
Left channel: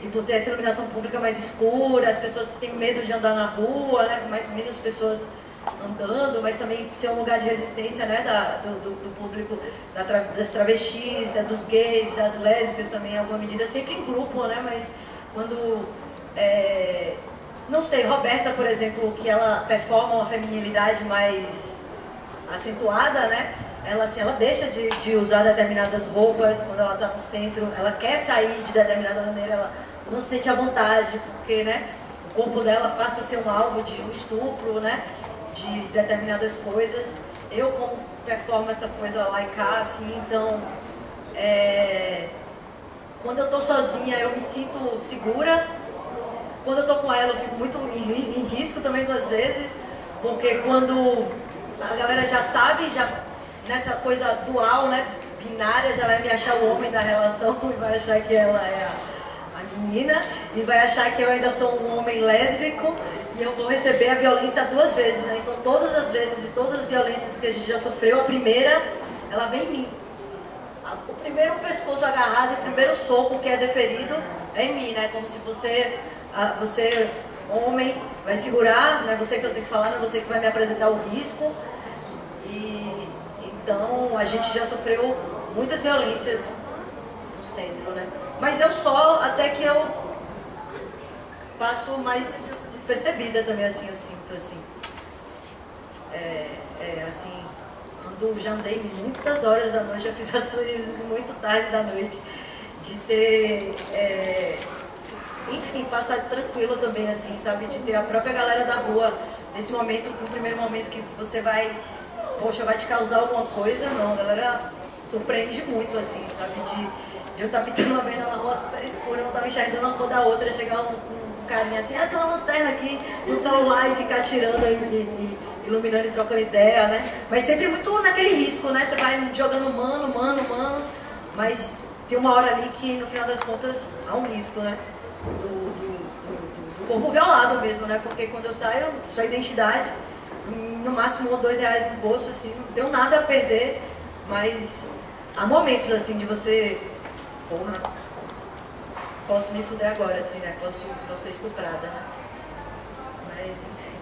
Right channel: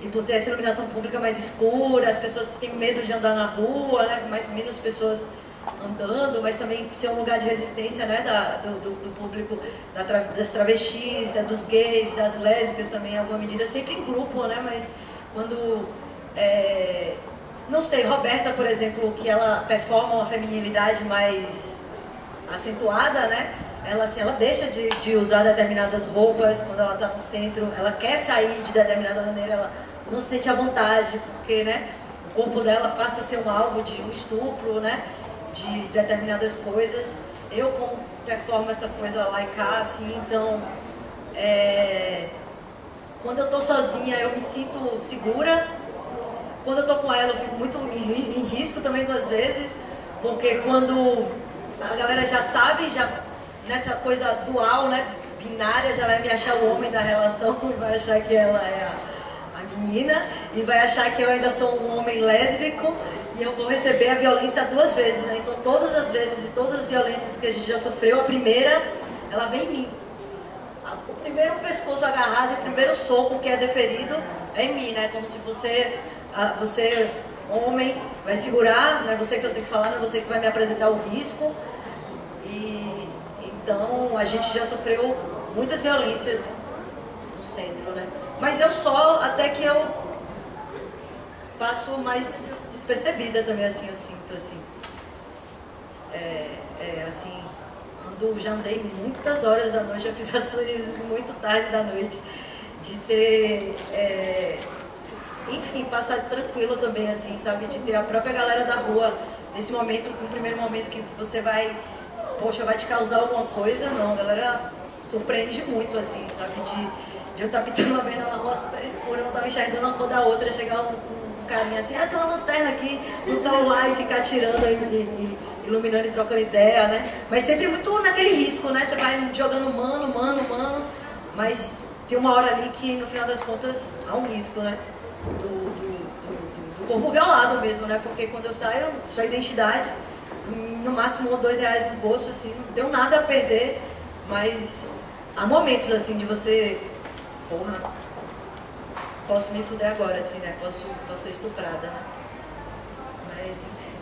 e por ter essa iluminação pública mais escura, as pessoas que têm medo de andar na rua, né? Mais ou menos pessoas andando, mas também ser um lugar de resistência, né, do público, das travestis, né, dos gays, das lésbicas também, em alguma medida, sempre em grupo, né, mas quando, não sei, Roberta, por exemplo, que ela performa uma feminilidade mais acentuada, né, ela, assim, ela deixa de usar determinadas roupas quando ela está no centro, ela quer sair de determinada maneira, ela não se sente à vontade, porque, né, o corpo dela passa a ser um alvo de um estupro, né, de determinadas coisas. Eu, como performo essa coisa lá e cá, assim, então, quando eu tô sozinha, eu me sinto segura. Quando eu tô com ela, eu fico muito em risco também, duas vezes, porque quando a galera já sabe, já nessa coisa dual, né, binária, já vai me achar o homem da relação e vai achar que ela é a menina, e vai achar que eu ainda sou um homem lésbico, e eu vou receber a violência duas vezes, né? Então todas as vezes e todas as violências que a gente já sofreu, a primeira, ela vem em mim. O primeiro pescoço agarrado, o primeiro soco que é deferido é em mim, né? Como se você, homem, vai segurar, não é você que eu tenho que falar, não é você que vai me apresentar o risco. E então a gente já sofreu muitas violências no centro, né? Mas eu só, até que eu passo mais despercebida também, assim, eu sinto, assim. Assim, já andei muitas horas da noite, já fiz ações muito tarde da noite, de ter, enfim, passar tranquilo também, assim, sabe, de ter a própria galera da rua, nesse momento, no primeiro momento que você vai, poxa, vai te causar alguma coisa, não, a galera surpreende muito, assim, sabe, de eu estar pintando uma vez numa rua super escura, eu não estava enxergando uma cor da outra, chegar um carinha assim, tem uma lanterna aqui no celular e ficar tirando e iluminando e trocando ideia, né? Mas sempre muito naquele risco, né? Você vai jogando mano, mas tem uma hora ali que no final das contas há um risco, né? Do corpo violado mesmo, né? Porque quando eu saio, só identidade, no máximo R$ 1 ou R$ 2 no bolso, assim, não tenho nada a perder, mas há momentos assim de você, porra, posso me fuder agora, assim, né? Posso ser estuprada, né? Mas, enfim.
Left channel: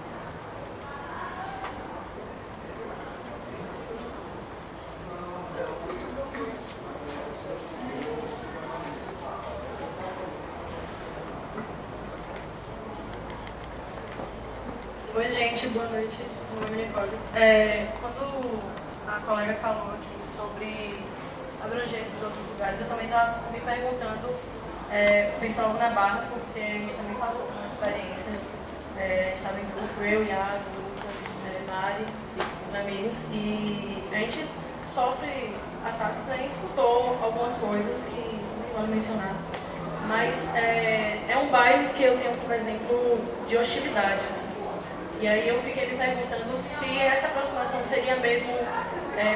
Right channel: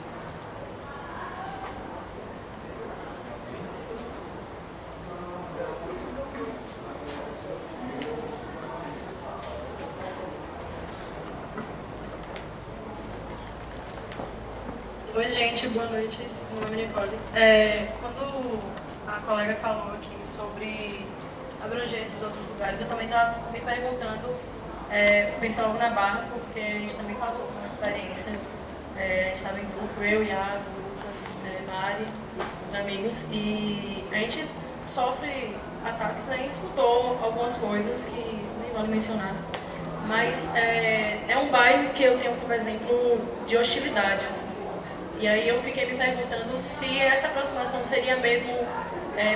Oi, gente, boa noite. Meu nome é Nicole. Quando a colega falou aqui sobre abranger esses outros lugares, eu também estava me perguntando, pensei logo na Barra, porque a gente também passou por uma experiência, a gente estava em grupo, eu, Iago, Lucas, Mari, os amigos, e a gente sofre ataques, a gente escutou algumas coisas que nem vale mencionar, mas é um bairro que eu tenho como exemplo de hostilidade, assim. E aí eu fiquei me perguntando se essa aproximação seria mesmo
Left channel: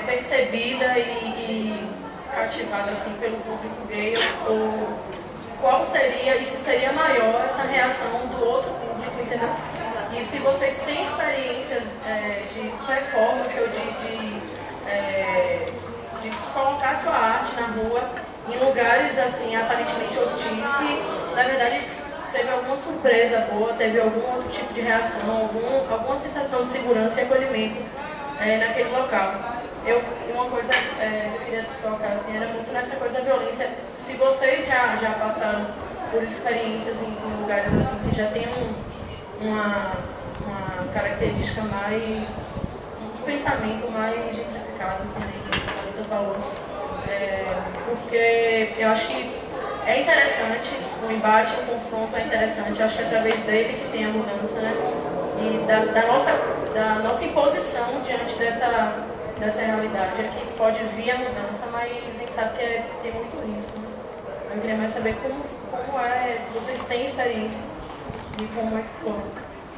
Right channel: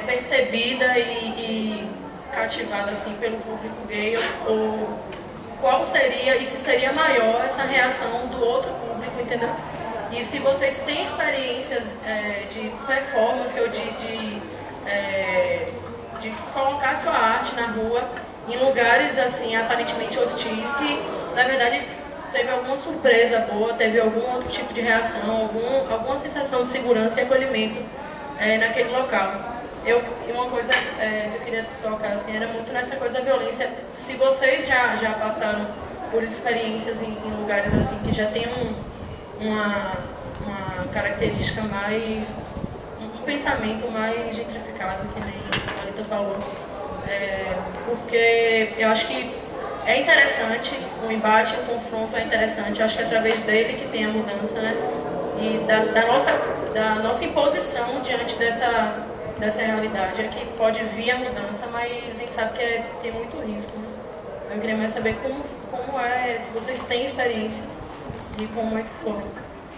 percebida e cativada assim, pelo público gay, ou qual seria, e se seria maior essa reação do outro público, entendeu? E se vocês têm experiências de performance ou de colocar sua arte na rua em lugares assim aparentemente hostis, que na verdade teve alguma surpresa boa, teve algum outro tipo de reação, alguma sensação de segurança e acolhimento naquele local. Uma coisa que eu queria tocar assim, era muito nessa coisa da violência. Se vocês já passaram por experiências em lugares assim que já tem uma característica mais, pensamento mais gentrificado, que nem a Marita falou. Porque eu acho que é interessante, o embate, o confronto é interessante, eu acho que é através dele que tem a mudança, né? E da nossa imposição diante dessa realidade é que pode vir a mudança, mas a gente sabe que tem muito risco. Né? Eu queria mais saber como é, se vocês têm experiências e como é que foi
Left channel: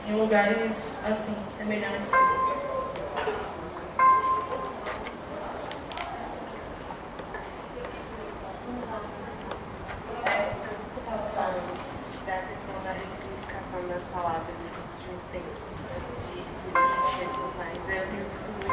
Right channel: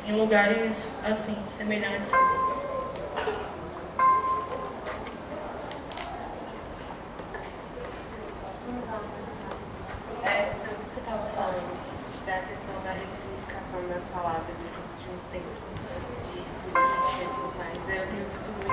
em lugares assim, semelhantes. Você estava falando da questão da ressignificação das palavras nesses últimos tempos, de política e tudo mais. Eu tenho visto muito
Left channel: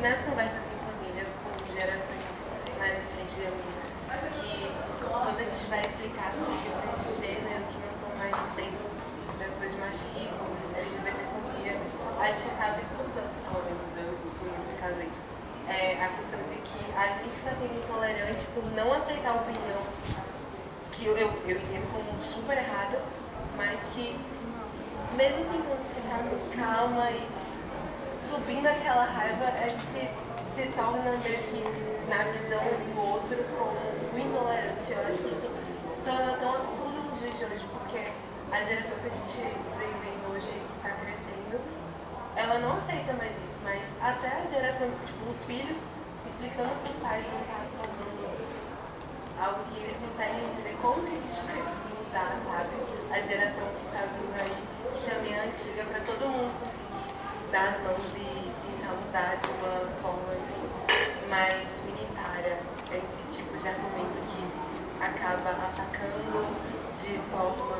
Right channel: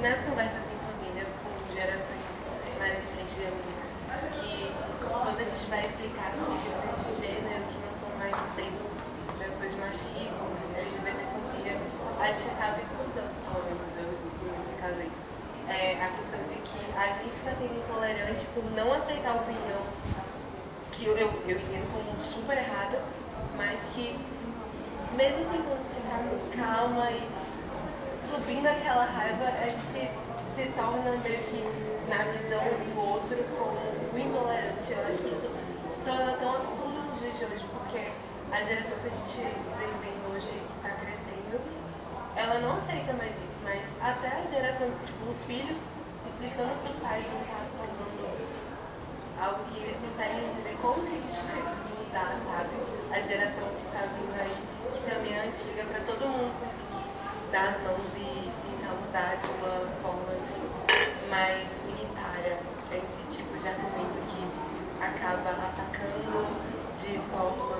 nas conversas em família com gerações mais em frente da minha, que quando a gente vai explicar sobre questões de gênero que não são mais aceitas, questões de machismo, LGBTfobia, a gente acaba escutando, pelo menos eu escuto muito em casa isso, a questão de que a gente está sendo intolerante por não aceitar a opinião que eu entendo como super errada, mas que mesmo tentando explicar com calma e subindo aquela raiva, a gente se torna meio que na visão do outro como o intolerante. Eu acho que isso se torna tão absurdo nos dias de hoje, porque a geração que a gente vem vendo hoje, que está crescendo, ela não aceita mais isso, mas até a geração, tipo, os filhos explicando para os pais não está se tornando algo que eles conseguem entender como que a gente vai mudar, sabe? A geração que está vindo aí e também a antiga, para todo mundo conseguir dar as mãos e tentar mudar de uma forma assim, mais unitária. É esse tipo de argumento que acaba atacando de forma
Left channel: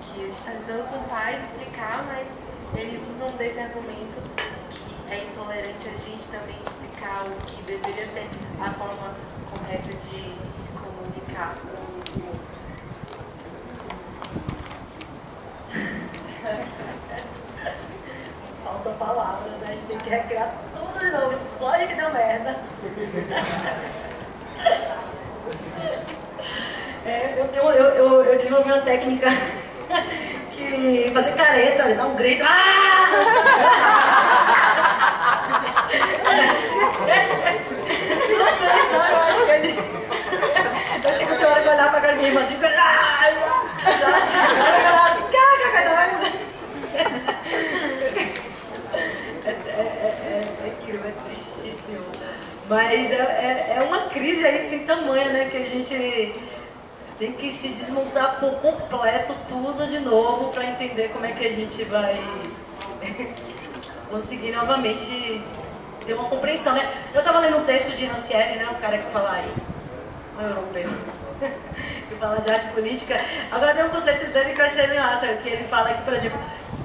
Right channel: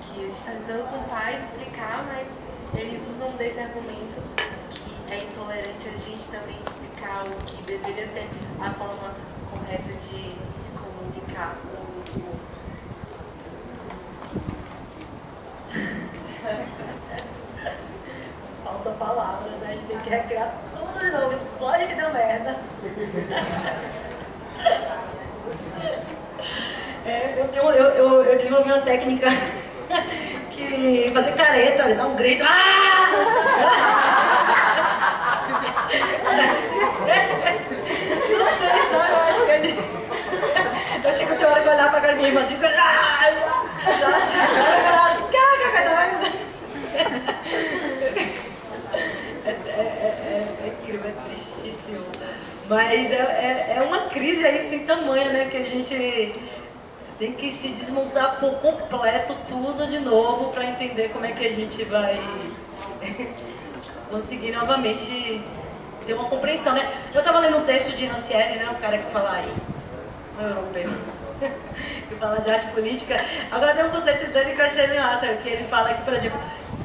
que a gente está tentando com o pai explicar, mas eles usam desse argumento que é intolerante a gente também explicar o que deveria ser a forma correta de se comunicar com o outro. Falta palavra, né? A gente tem que recriar tudo de novo. Explode que deu merda. Eu desenvolvi uma técnica que fazer careta, dar um grito. Não sei, sabe? Eu acho que eu tinha que olhar pra cara da minha irmã assim, ela falava assim, é incrível, é tristíssimo. Mas é uma crise aí sem tamanho, né? Que a gente tem que se desmontar por completo tudo de novo para entender como é que a gente vai conseguir novamente ter uma compreensão, né? Eu estava lendo um texto de Rancière, né? O cara que fala aí, um europeu, que fala de arte política. Agora tem um conceito dele que eu achei massa, que ele fala que, por exemplo,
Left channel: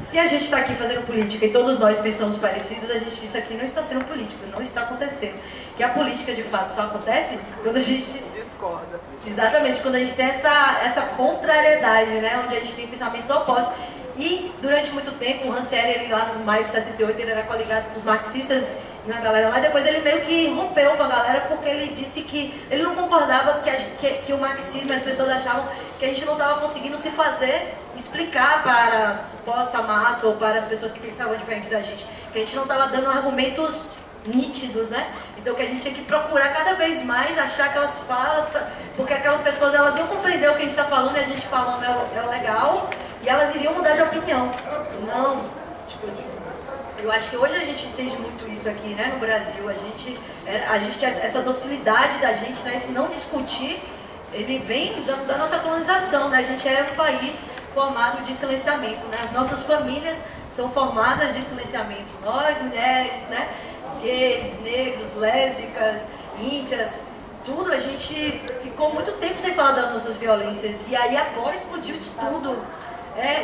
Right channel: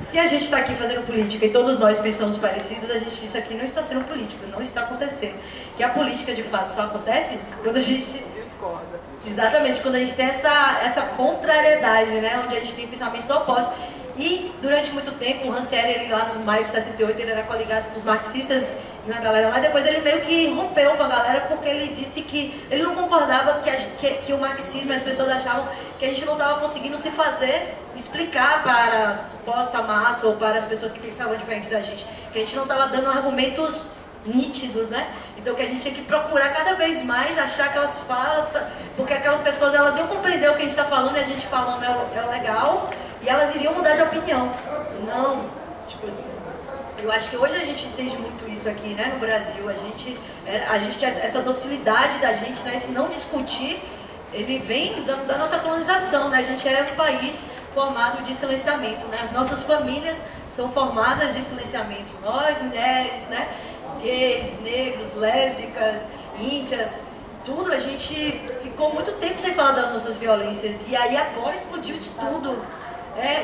se a gente está aqui fazendo política e todos nós pensamos parecidos, isso aqui não está sendo político, não está acontecendo. Que a política, de fato, só acontece quando a gente discorda. Exatamente, quando a gente tem essa contrariedade, né? Onde a gente tem pensamentos opostos. E, durante muito tempo, o Rancière, ele lá no maio de 68, ele era coligado com os marxistas e uma galera lá. Depois ele meio que rompeu com a galera porque ele disse que ele não concordava que o marxismo, as pessoas achavam que a gente não estava conseguindo se fazer explicar para a suposta massa ou para as pessoas que pensavam diferente da gente, que a gente não estava dando argumentos nítidos, né? Então que a gente tinha que procurar cada vez mais achar aquelas falas, porque aquelas pessoas elas iam compreender o que a gente está falando e a gente falando é legal e elas iriam mudar de opinião. Não, tipo assim, eu acho que hoje a gente entende muito isso aqui, né? No Brasil, a gente essa docilidade da gente, né? Esse não discutir, ele vem da nossa colonização, né? A gente é um país formado de silenciamento, né? As nossas famílias são formadas de silenciamento. Nós, mulheres, né? Gays, negros, lésbicas, índias, tudo, a gente ficou muito tempo sem falar das nossas violências. E aí agora explodiu isso tudo.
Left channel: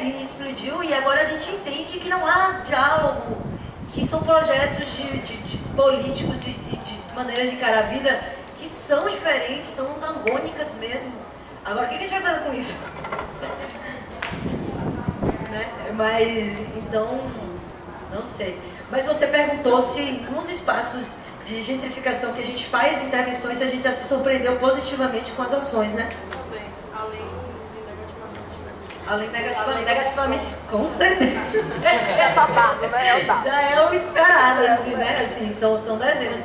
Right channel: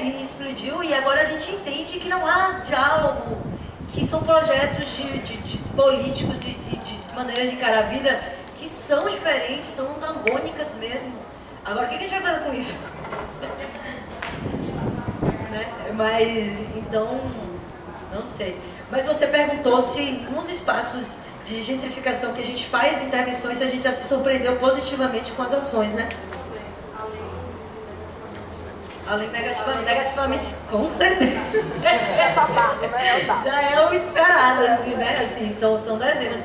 E explodiu e agora a gente entende que não há diálogo, que são projetos de políticos e de maneiras de encarar a vida que são diferentes, são antagônicas mesmo. Agora, o que a gente vai fazer com isso? Né? Mas, então, não sei. Mas você perguntou se nos espaços de gentrificação que a gente faz intervenções, se a gente já se surpreendeu positivamente com as ações, né? Além negativamente, com certeza. É só dado, né? É o dado. Já é o esperado, assim, né? Assim, são dezenas.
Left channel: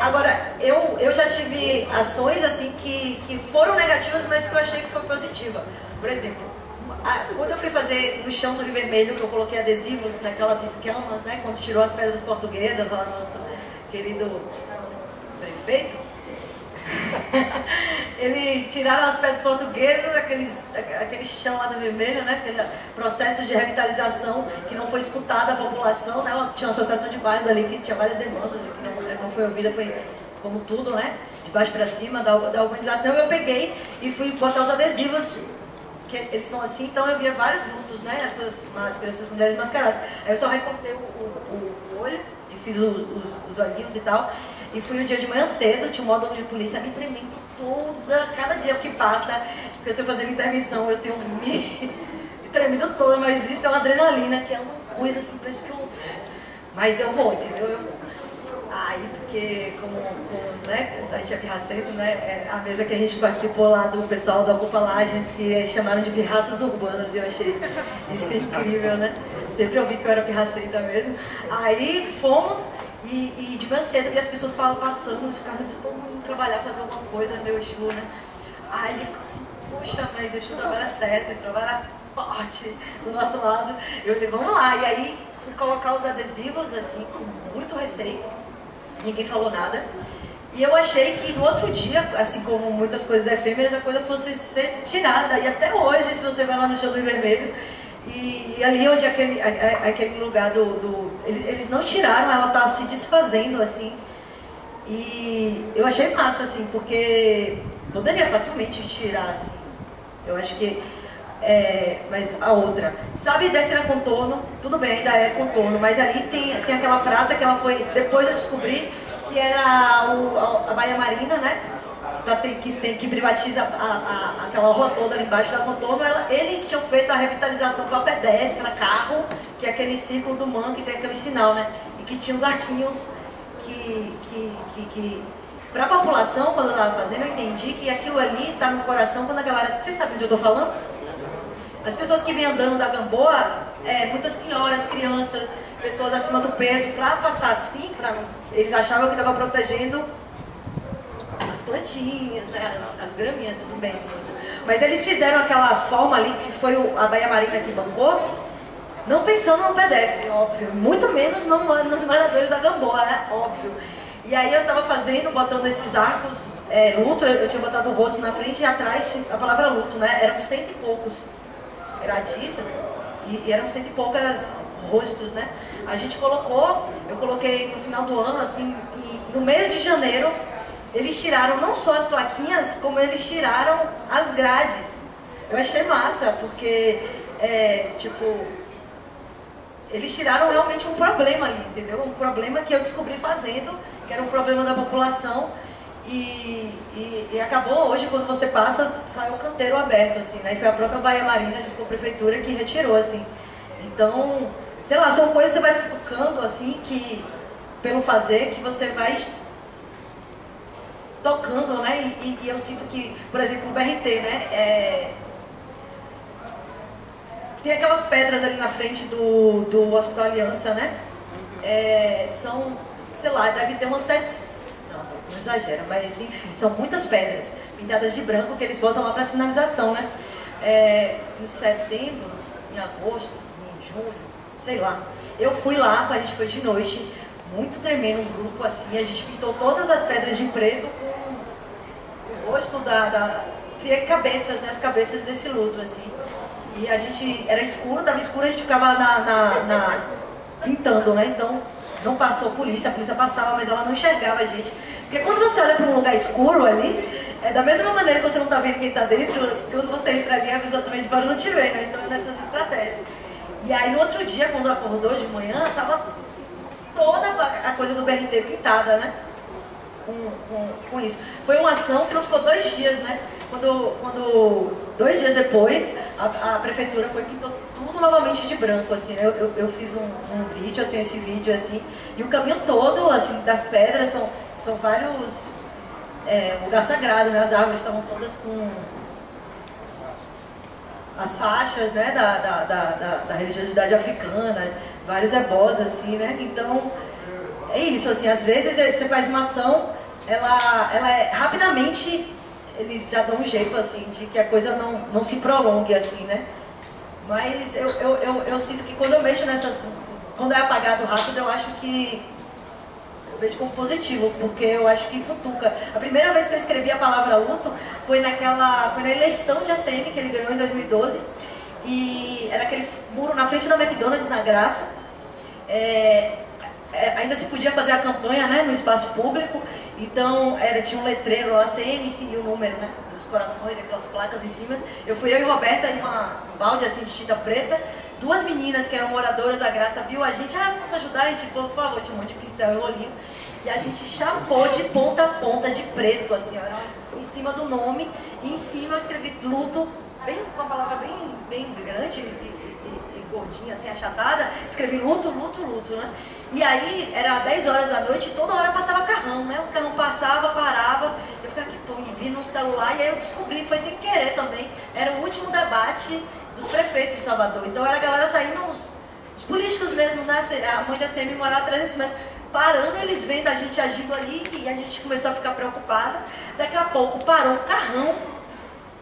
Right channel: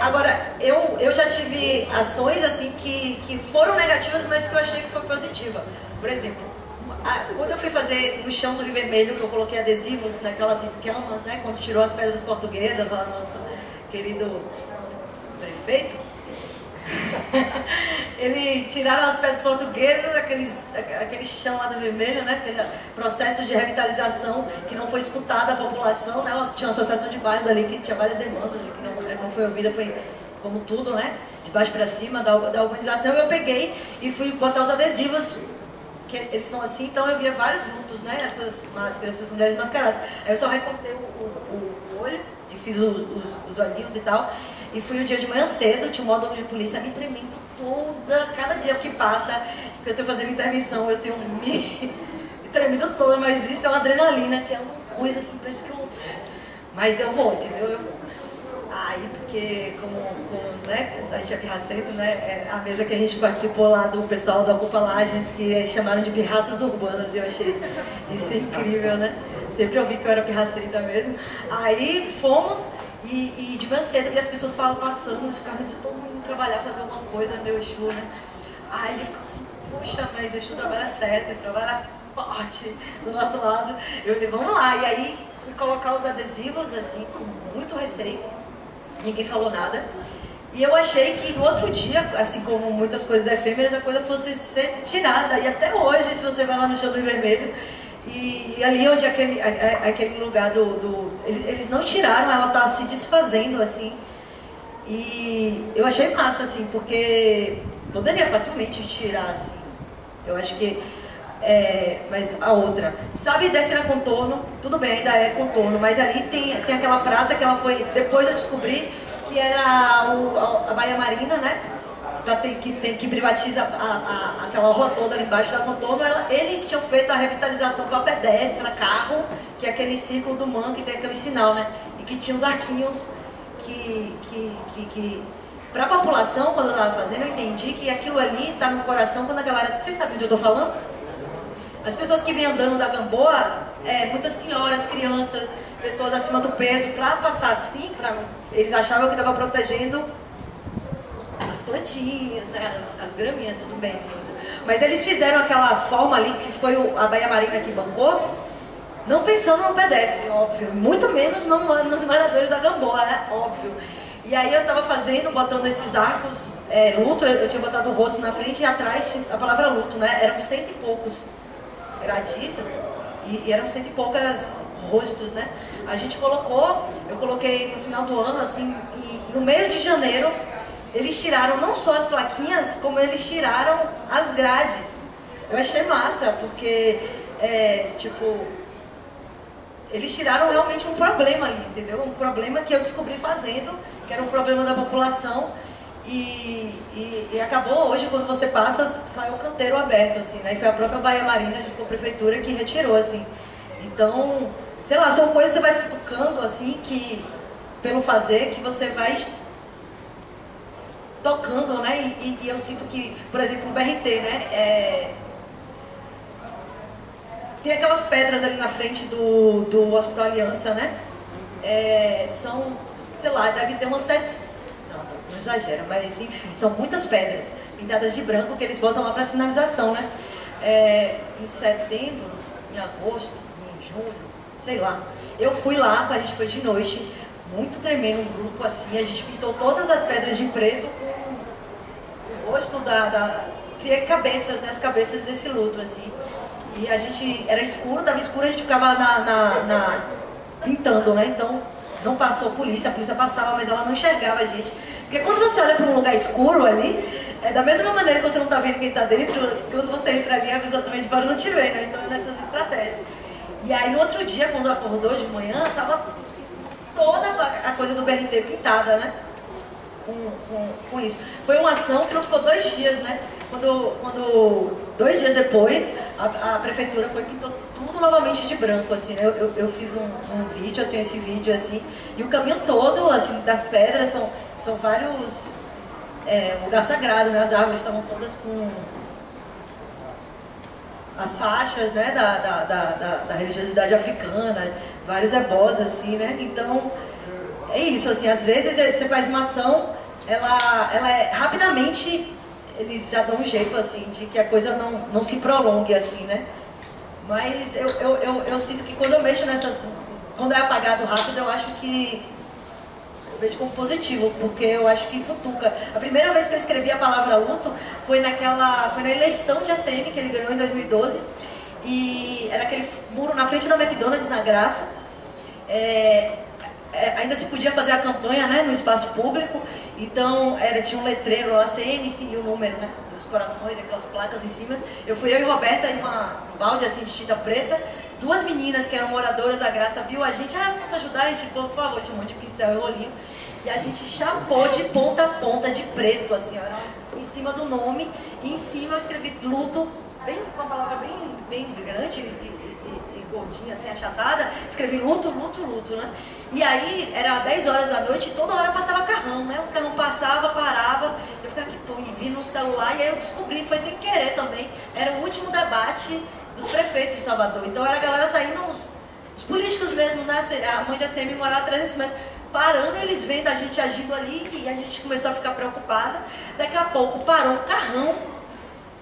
Agora, eu já tive ações assim que foram negativas, mas que eu achei que foi positiva. Por exemplo, quando eu fui fazer no chão do Rio Vermelho, que eu coloquei adesivos naquelas escamas, né? Quando tirou as pedras portuguesas, lá nosso querido prefeito, ele tiraram as pedras portuguesas, aquele chão lá do Vermelho, né? Aquele processo de revitalização que não foi escutada a população, né? Tinha uma associação de bairros ali que tinha várias demandas e que não foi ouvida, foi como tudo, né? De baixo para cima da urbanização. Eu peguei e fui botar os adesivos, que eles são assim, então eu via vários lutos, né? Essas máscaras, essas mulheres mascaradas. Aí eu só recortei o olho e fiz os olhinhos e tal. E fui um dia de manhã cedo, tinha um módulo de polícia me tremendo toda, cada dia que passa, que eu estou fazendo intervenção, eu tenho me tremendo toda, mas isso é uma adrenalina, que é uma coisa assim, parece que eu... Mas eu vou, entendeu? Eu vou. Aí, porque como né, a gente é pirracento, né? A mesa que a gente participou lá do pessoal da Ocupa Lages, que chamaram de pirraças urbanas, e eu achei isso incrível, né? Sempre ouvi que eu era pirracenta mesmo. Aí fomos... E de manhã cedo, e as pessoas falam passando, ficavam todo mundo indo trabalhar, fazer alguma coisa no meu Exu, né? Aí eu fico assim, poxa, mas Exu trabalha certo, ele trabalha forte do nosso lado. Eu falei, vamos lá. E aí fui colocar os adesivos, assim, com muito receio. Ninguém falou nada. E eu achei que no outro dia, assim como muitas coisas efêmeras, a coisa fosse ser tirada. E até hoje, se você vai lá no chão do Rio Vermelho, e ali onde aquele lugar eles não tiraram, ela tá se desfazendo, assim. E eu achei massa, assim, porque poderia facilmente tirar, assim. Eu acho que... mas a outra... Sabe, desce na Contorno, tudo bem, ainda é Contorno, mas ali tem aquela praça que ela foi... Depois eu descobri que era a Baía Marina, né? Que privatiza aquela orla toda ali embaixo da Contorno. Eles tinham feito a revitalização para pedestre, para carro, que é aquele círculo do Man, que tem aquele sinal, né? E que tinha os arquinhos que para a população, quando eu estava fazendo, eu entendi que aquilo ali está no coração quando a galera... Vocês sabem onde eu estou falando? As pessoas que vêm andando da Gamboa, muitas senhoras, crianças, pessoas acima do peso, para passar assim, eles achavam que estava protegendo as plantinhas, né, as graminhas, tudo bem. Mas eles fizeram aquela forma ali, que foi a Baía Marina que bancou, não pensando no pedestre, óbvio. Muito menos nos moradores da Gamboa, né, óbvio. E aí eu estava botando esses arcos, luto, eu tinha botado o rosto na frente e atrás a palavra luto, né, eram 100 e poucos gradis e eram 100 e poucas rostos, né. A gente eu coloquei no final do ano, assim, no meio de janeiro, eles tiraram não só as plaquinhas, como eles tiraram as grades. Eu achei massa, porque, eles tiraram realmente um problema ali, entendeu? Um problema que eu descobri fazendo, que era um problema da população, e acabou hoje, quando você passa, só é o canteiro aberto, assim, né? E foi a própria Baía Marina, junto com a prefeitura, que retirou, assim. Então, sei lá, são coisas que você vai futucando, assim, que, pelo fazer, que você vai tocando, né? E eu sinto que, por exemplo, o BRT, né? Tem aquelas pedras ali na frente do Hospital Aliança, né? São, sei lá, deve ter umas... Não exagera, mas enfim, são muitas pedras pintadas de branco que eles botam lá para sinalização, né? Em setembro, em agosto, em julho, sei lá. Eu fui lá, a gente foi de noite, muito tremendo, um grupo assim, a gente pintou todas as pedras de preto com o rosto criei cabeças, né, as cabeças desse luto, assim. E a gente, era escuro, estava escuro, a gente ficava pintando, né, então não passou a polícia passava, mas ela não enxergava a gente. Porque quando você olha para um lugar escuro ali, da mesma maneira que você não está vendo quem está dentro, quando você entra ali, a pessoa também de fora não te vê, né, então é nessas estratégias. E aí no outro dia, quando acordou de manhã, estava toda a coisa do BRT pintada, né? Com isso. Foi uma ação que não ficou 2 dias, né? Quando 2 dias depois, a prefeitura pintou tudo novamente de branco, assim, né? Eu fiz um vídeo, eu tenho esse vídeo, assim, e o caminho todo, assim, das pedras são vários... lugar sagrado, né? As árvores estavam todas com... as faixas, né, da religiosidade africana, vários ebós, assim, né? Então, é isso, assim, às vezes você faz uma ação, ela é, rapidamente, eles já dão um jeito, assim, de que a coisa não se prolongue, assim, né? Mas eu sinto que quando eu mexo nessas... Quando é apagado rápido, eu acho que... Eu vejo como positivo, porque eu acho que futuca. A primeira vez que eu escrevi a palavra luto foi na eleição de ACM, que ele ganhou em 2012. E era aquele muro na frente da McDonald's, na Graça. Ainda se podia fazer a campanha, né, no espaço público. Então, tinha um letreiro lá, ACM, e o número, né, dos corações, aquelas placas em cima. Eu fui eu e Roberta em um balde assim de tinta preta. Duas meninas que eram moradoras da Graça viu a gente, posso ajudar? A gente falou, por favor, tinha um monte de pincel e rolinho. E a gente chapou de ponta a ponta de preto, assim, ó, em cima do nome. E em cima eu escrevi luto, com a palavra bem grande e gordinha, assim, achatada. Escrevi luto, luto, luto, né? E aí, era 10 horas da noite e toda hora passava carrão, né? Os carrão passavam, paravam. Eu ficava aqui, pô, e vi no celular. E aí eu descobri, foi sem querer também. Era o último debate dos prefeitos de Salvador. Então era a galera saindo, os políticos mesmo, né? A mãe de ACM morava 300 metros, parando, eles vendo a gente agindo ali e a gente começou a ficar preocupada. Daqui a pouco parou um carrão.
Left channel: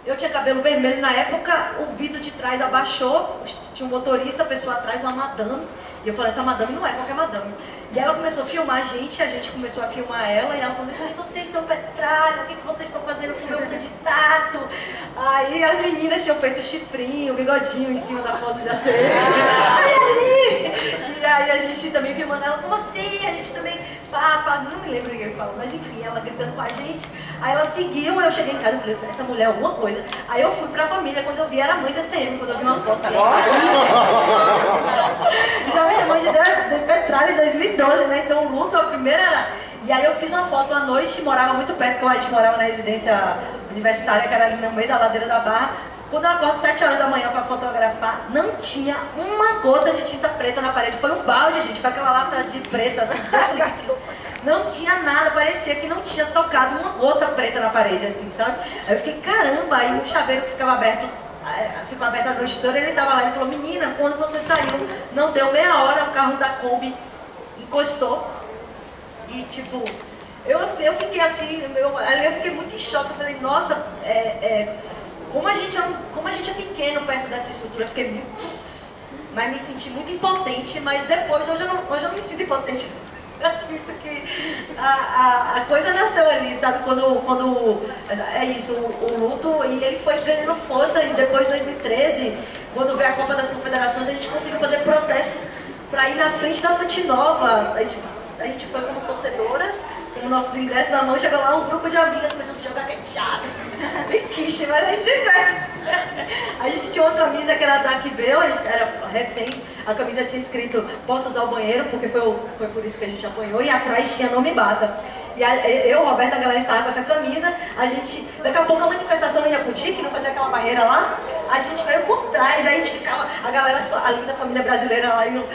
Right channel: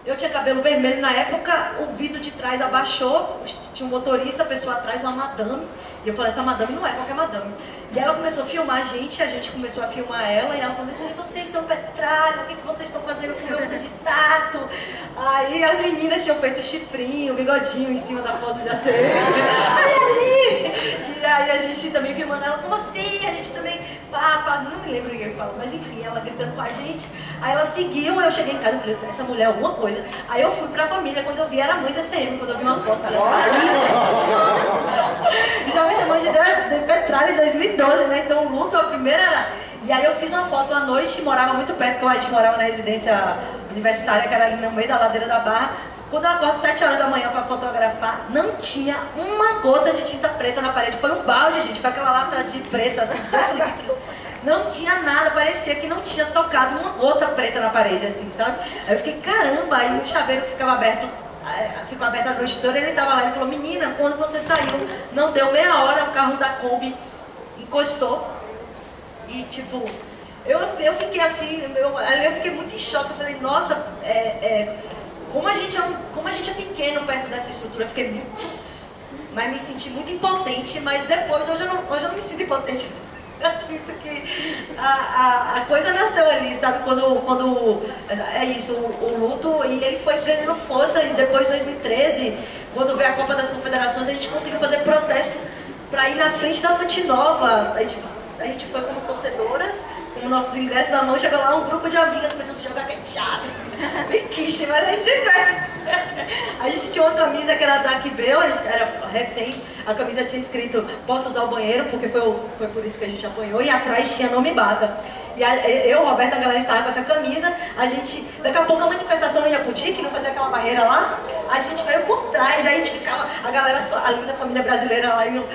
Eu tinha cabelo vermelho na época, o vidro de trás abaixou, tinha um motorista, a pessoa atrás, uma madame. E eu falei, essa madame não é qualquer madame. E ela começou a filmar a gente começou a filmar ela, e ela falou assim, vocês são Petralha, o que vocês estão fazendo com o meu candidato? Aí as meninas tinham feito chifrinho, bigodinho em cima da foto de ACM. Aí ali! E aí a gente também filmando ela, como assim? A gente também, não me lembro o que ele falou, mas enfim, ela gritando com a gente. Aí ela seguiu, eu cheguei em casa e falei, essa mulher é alguma coisa. Aí eu fui pra família, quando eu vi era a mãe de ACM, quando eu vi uma foto dela. Já me chamou de Petralha em 2012, né? Então o luto é a primeira... E aí eu fiz uma foto à noite, morava muito perto, porque a gente morava na residência universitária, que era ali no meio da ladeira da Barra. Quando eu acordo 7 horas da manhã para fotografar, não tinha uma gota de tinta preta na parede. Foi um balde, gente, foi aquela lata de preta, assim, 18 litros. Não tinha nada, parecia que não tinha tocado uma gota preta na parede, assim, sabe? Aí eu fiquei, caramba, aí o chaveiro ficava aberto, ficou aberto a noite toda, ele tava lá, ele falou, menina, quando você saiu, não deu meia hora, o carro da Kombi encostou. E tipo, eu fiquei assim, ali eu fiquei muito em choque, eu falei, nossa, como a gente é pequeno perto dessa estrutura, eu fiquei muito... Mas me senti muito impotente, mas depois, hoje eu não me sinto impotente. Eu sinto que a coisa nasceu ali, sabe? Quando é isso, o luto, e ele foi ganhando força, e depois, em 2013, quando veio a Copa das Confederações, a gente conseguiu fazer protesto para ir na frente da Fonte Nova. A gente foi como torcedoras, com nossos ingressos na mão, chegou lá um grupo de amigas, começou a se jogar ketchup, bem quiche, mas a gente a gente tinha uma camisa que era da Aquibel, era recente, a camisa tinha escrito, posso usar o banheiro, porque foi por isso que a gente apanhou, e atrás tinha Não Me Bata. E eu, Roberta, a galera estava com essa camisa, daqui a pouco a manifestação não ia pro DIC, não fazia aquela barreira lá, a gente veio por trás, aí a gente ficava, a galera, a linda família brasileira lá indo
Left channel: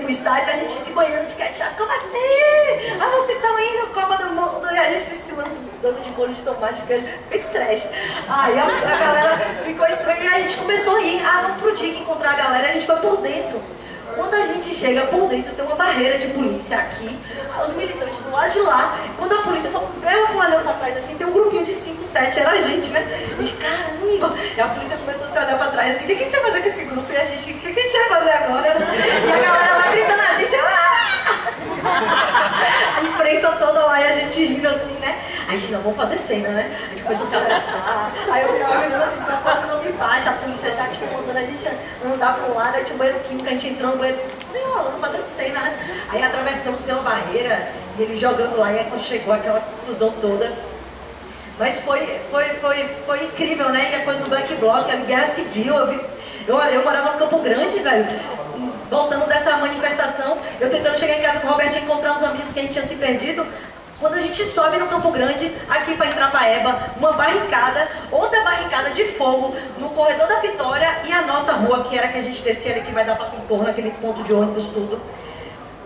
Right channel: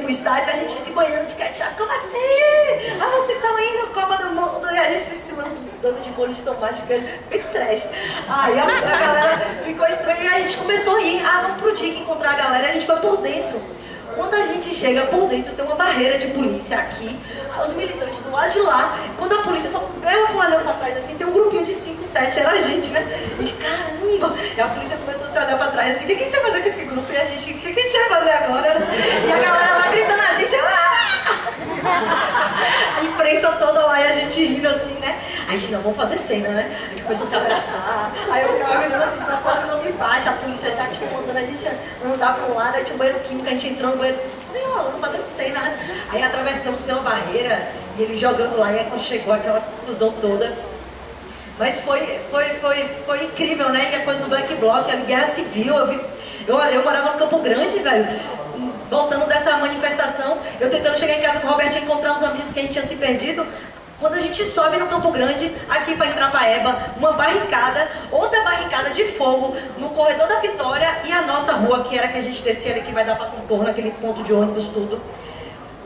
pro estádio, a gente se banhando de ketchup, como assim? Vocês estão indo, Copa do Mundo, e a gente se lambuzando de molho de tomate, bem trash. Aí a galera ficou estranha, e a gente começou a ir, vamos pro DIC encontrar a galera, a gente foi por dentro. Quando a gente chega por dentro, tem uma barreira de polícia aqui, os militantes do lado de lá, quando a polícia só vê ela olhando pra trás assim, tem um grupinho de 5, 7, era a gente, né? A gente, caramba! E a polícia começou a se olhar pra trás assim, o que a gente ia fazer com esse grupo? E a gente, o que a gente ia fazer agora? E a galera lá gritando a gente, a imprensa toda lá e a gente rindo assim, né? A gente, não, vamos fazer cena, né? A gente começou a se abraçar, aí eu ficava mirando assim, pra quase não me baixa, a polícia já, tipo, mandando a gente andar pra um lado, aí tinha um banheiro químico, a gente entrou no banheiro, nem rolando, fazendo cena, né? Aí atravessamos pela barreira, e eles jogando lá, e aí quando chegou aquela confusão toda. Mas foi incrível, né? E a coisa do Black Bloc, a guerra civil, eu morava no Campo Grande, velho. Voltando dessa manifestação, eu tentando chegar em casa com o Robertinho, encontrar uns amigos que a gente tinha se perdido. Quando a gente sobe no Campo Grande, aqui para entrar para Eba, uma barricada, outra barricada de fogo no corredor da Vitória e a nossa rua, que era que a gente descia ali, que vai dar para contorno, aquele ponto de ônibus, tudo.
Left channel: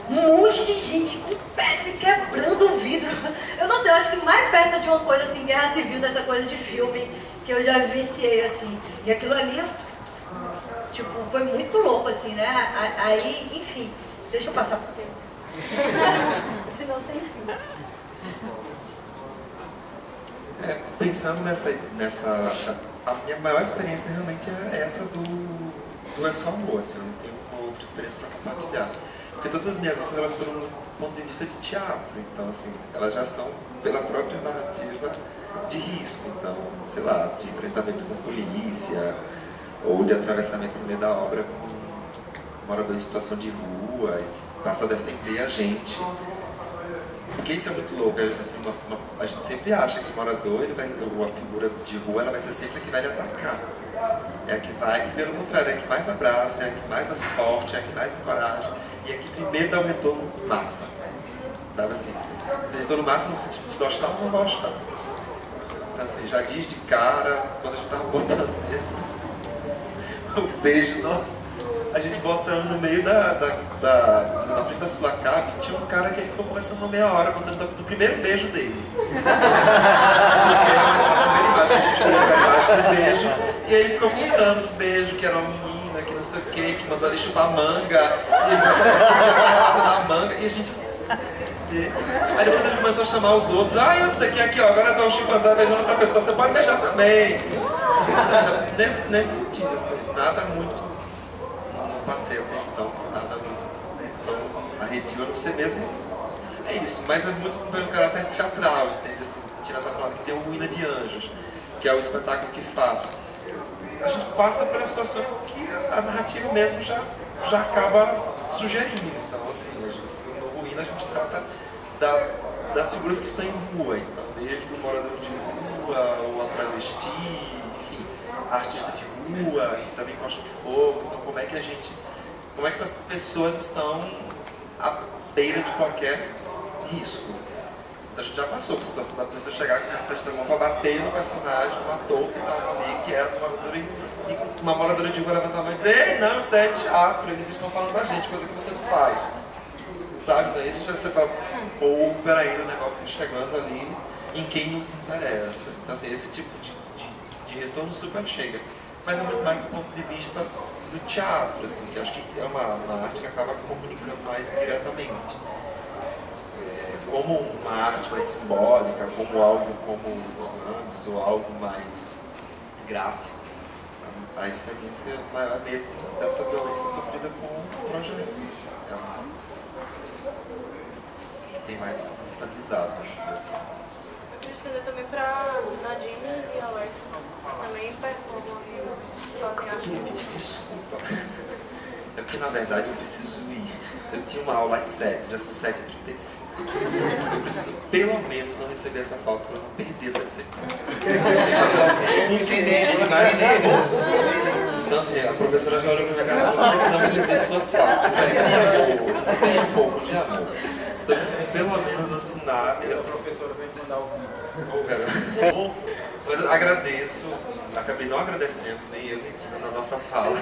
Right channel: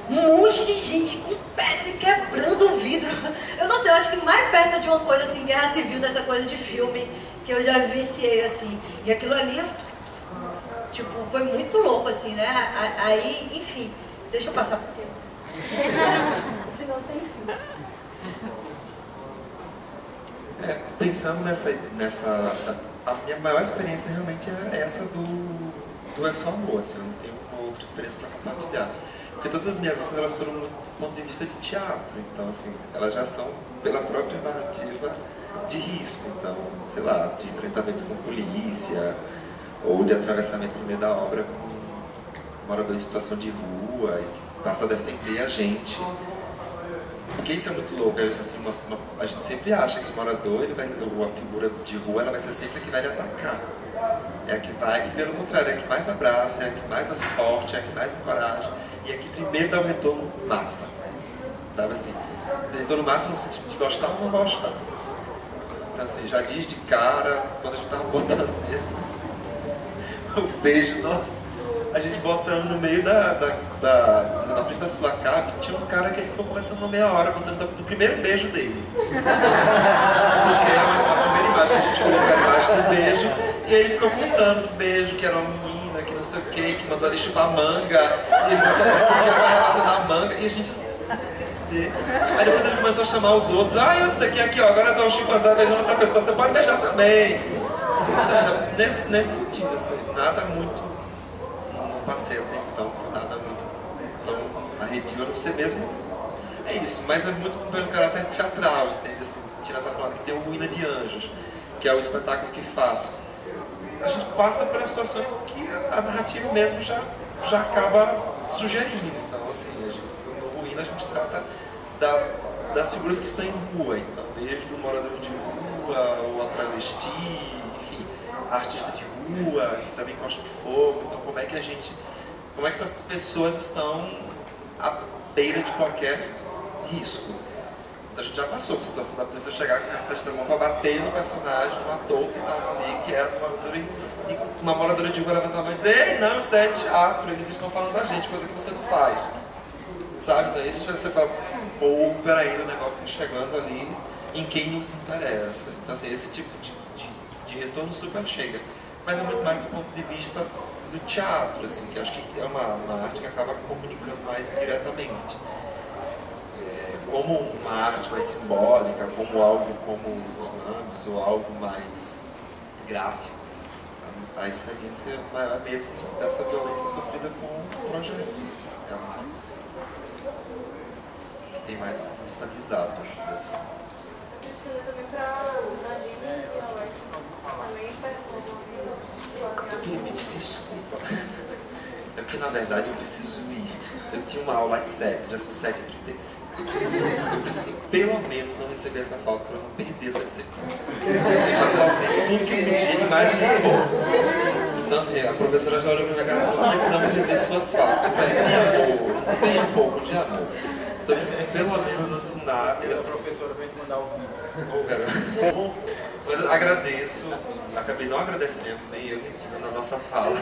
Um monte de gente com pedra e quebrando o vidro. Eu não sei, eu acho que mais perto de uma coisa assim, guerra civil, dessa coisa de filme, que eu já viciei assim. E aquilo ali, Tipo, foi muito louco, assim, né? Aí, enfim, deixa eu passar porque senão tem fim. Pensando a minha maior experiência realmente é essa do É Só Amor, assim, eu não tenho uma outra experiência para compartilhar. Porque todas as minhas ações, elas foram do ponto de vista de teatro, então, assim, elas já são pela própria narrativa de risco, então, sei lá, de enfrentamento com polícia, ou de atravessamento no meio da obra com um morador em situação de rua, e que passa a defender a gente. Porque isso é muito louco, assim, a gente sempre acha que o morador, a figura de rua, ela vai ser sempre a que vai lhe atacar. É a que vai, que pelo contrário, é a que mais abraça, é a que mais dá suporte, é a que mais encoraja, e é a que primeiro dá o retorno massa. Sabe assim? O retorno massa no sentido de gostar ou não gostar. Então assim, já diz de cara, quando a gente tava botando mesmo o beijo, nossa, a gente botando no meio na frente da Sulacap, tinha um cara que ele ficou conversando uma meia hora, contando do primeiro beijo dele. Porque a primeira imagem, a gente colocou a imagem do beijo, e aí ele ficou contando do beijo, que era uma menina, que não sei o que mandou ele chupar manga, e ele não sabia o que era a relação da manga, e a gente entender. Aí depois ele começou a chamar os outros, eu não sei o que aqui, ó, agora tá o chimpanzé beijando outra pessoa, você pode beijar também. Ou seja, nesse sentido, assim, nada muito, não passei até então, nada muito tão arredio, a não ser mesmo, é isso, mas é muito pelo caráter teatral, entende? Assim, a Tina tá falando que tem o Ruína de Anjos, que é o espetáculo que faço. A gente passa pelas situações que a narrativa mesmo já acaba sugerindo, então assim, no Ruína a gente trata das figuras que estão em rua, então desde o morador de rua, o travesti, enfim, a artista de rua, que também cospe fogo, então como é que essas pessoas estão à beira de qualquer risco. Então a gente já passou por a situação da polícia chegar com a cacete da mão para bater no personagem, no ator que estava ali, que era uma moradora, e uma moradora de rua levantar a mão e dizer: ei, não, isso é teatro, eles estão falando da gente, coisa que você não faz. Sabe? Então isso você fala, pô, peraí, o negócio está chegando ali em quem nos interessa. Então assim, esse tipo de retorno super chega. Mas é muito mais do ponto de vista do teatro, assim, que acho que é uma arte que acaba comunicando mais diretamente. Como uma arte mais simbólica, como algo como os lambes, ou algo mais gráfico, a experiência maior mesmo dessa violência sofrida com projetos. É mais... tem mais desestabilizado, vamos dizer assim. Eu estudei também para Nadine e Alex, também performam e fazem Eu queria pedir desculpa. É porque, na verdade, eu preciso ir. Eu tinha uma aula às 7, já são 7h35. Eu preciso, pelo menos, não receber essa falta para não perder essa disciplina. Eu já faltei tudo que eu podia, mais um pouco. Então, assim, a professora já olhou para minha cara e falou: precisamos rever suas faltas. Eu falei: tenha um pouco de amor. Então, eu preciso, pelo menos, assinar. A professora vai te mandar o vídeo. Ô, garoto. Mas eu agradeço, acabei não agradecendo, nem eu nem Tina na nossa fala.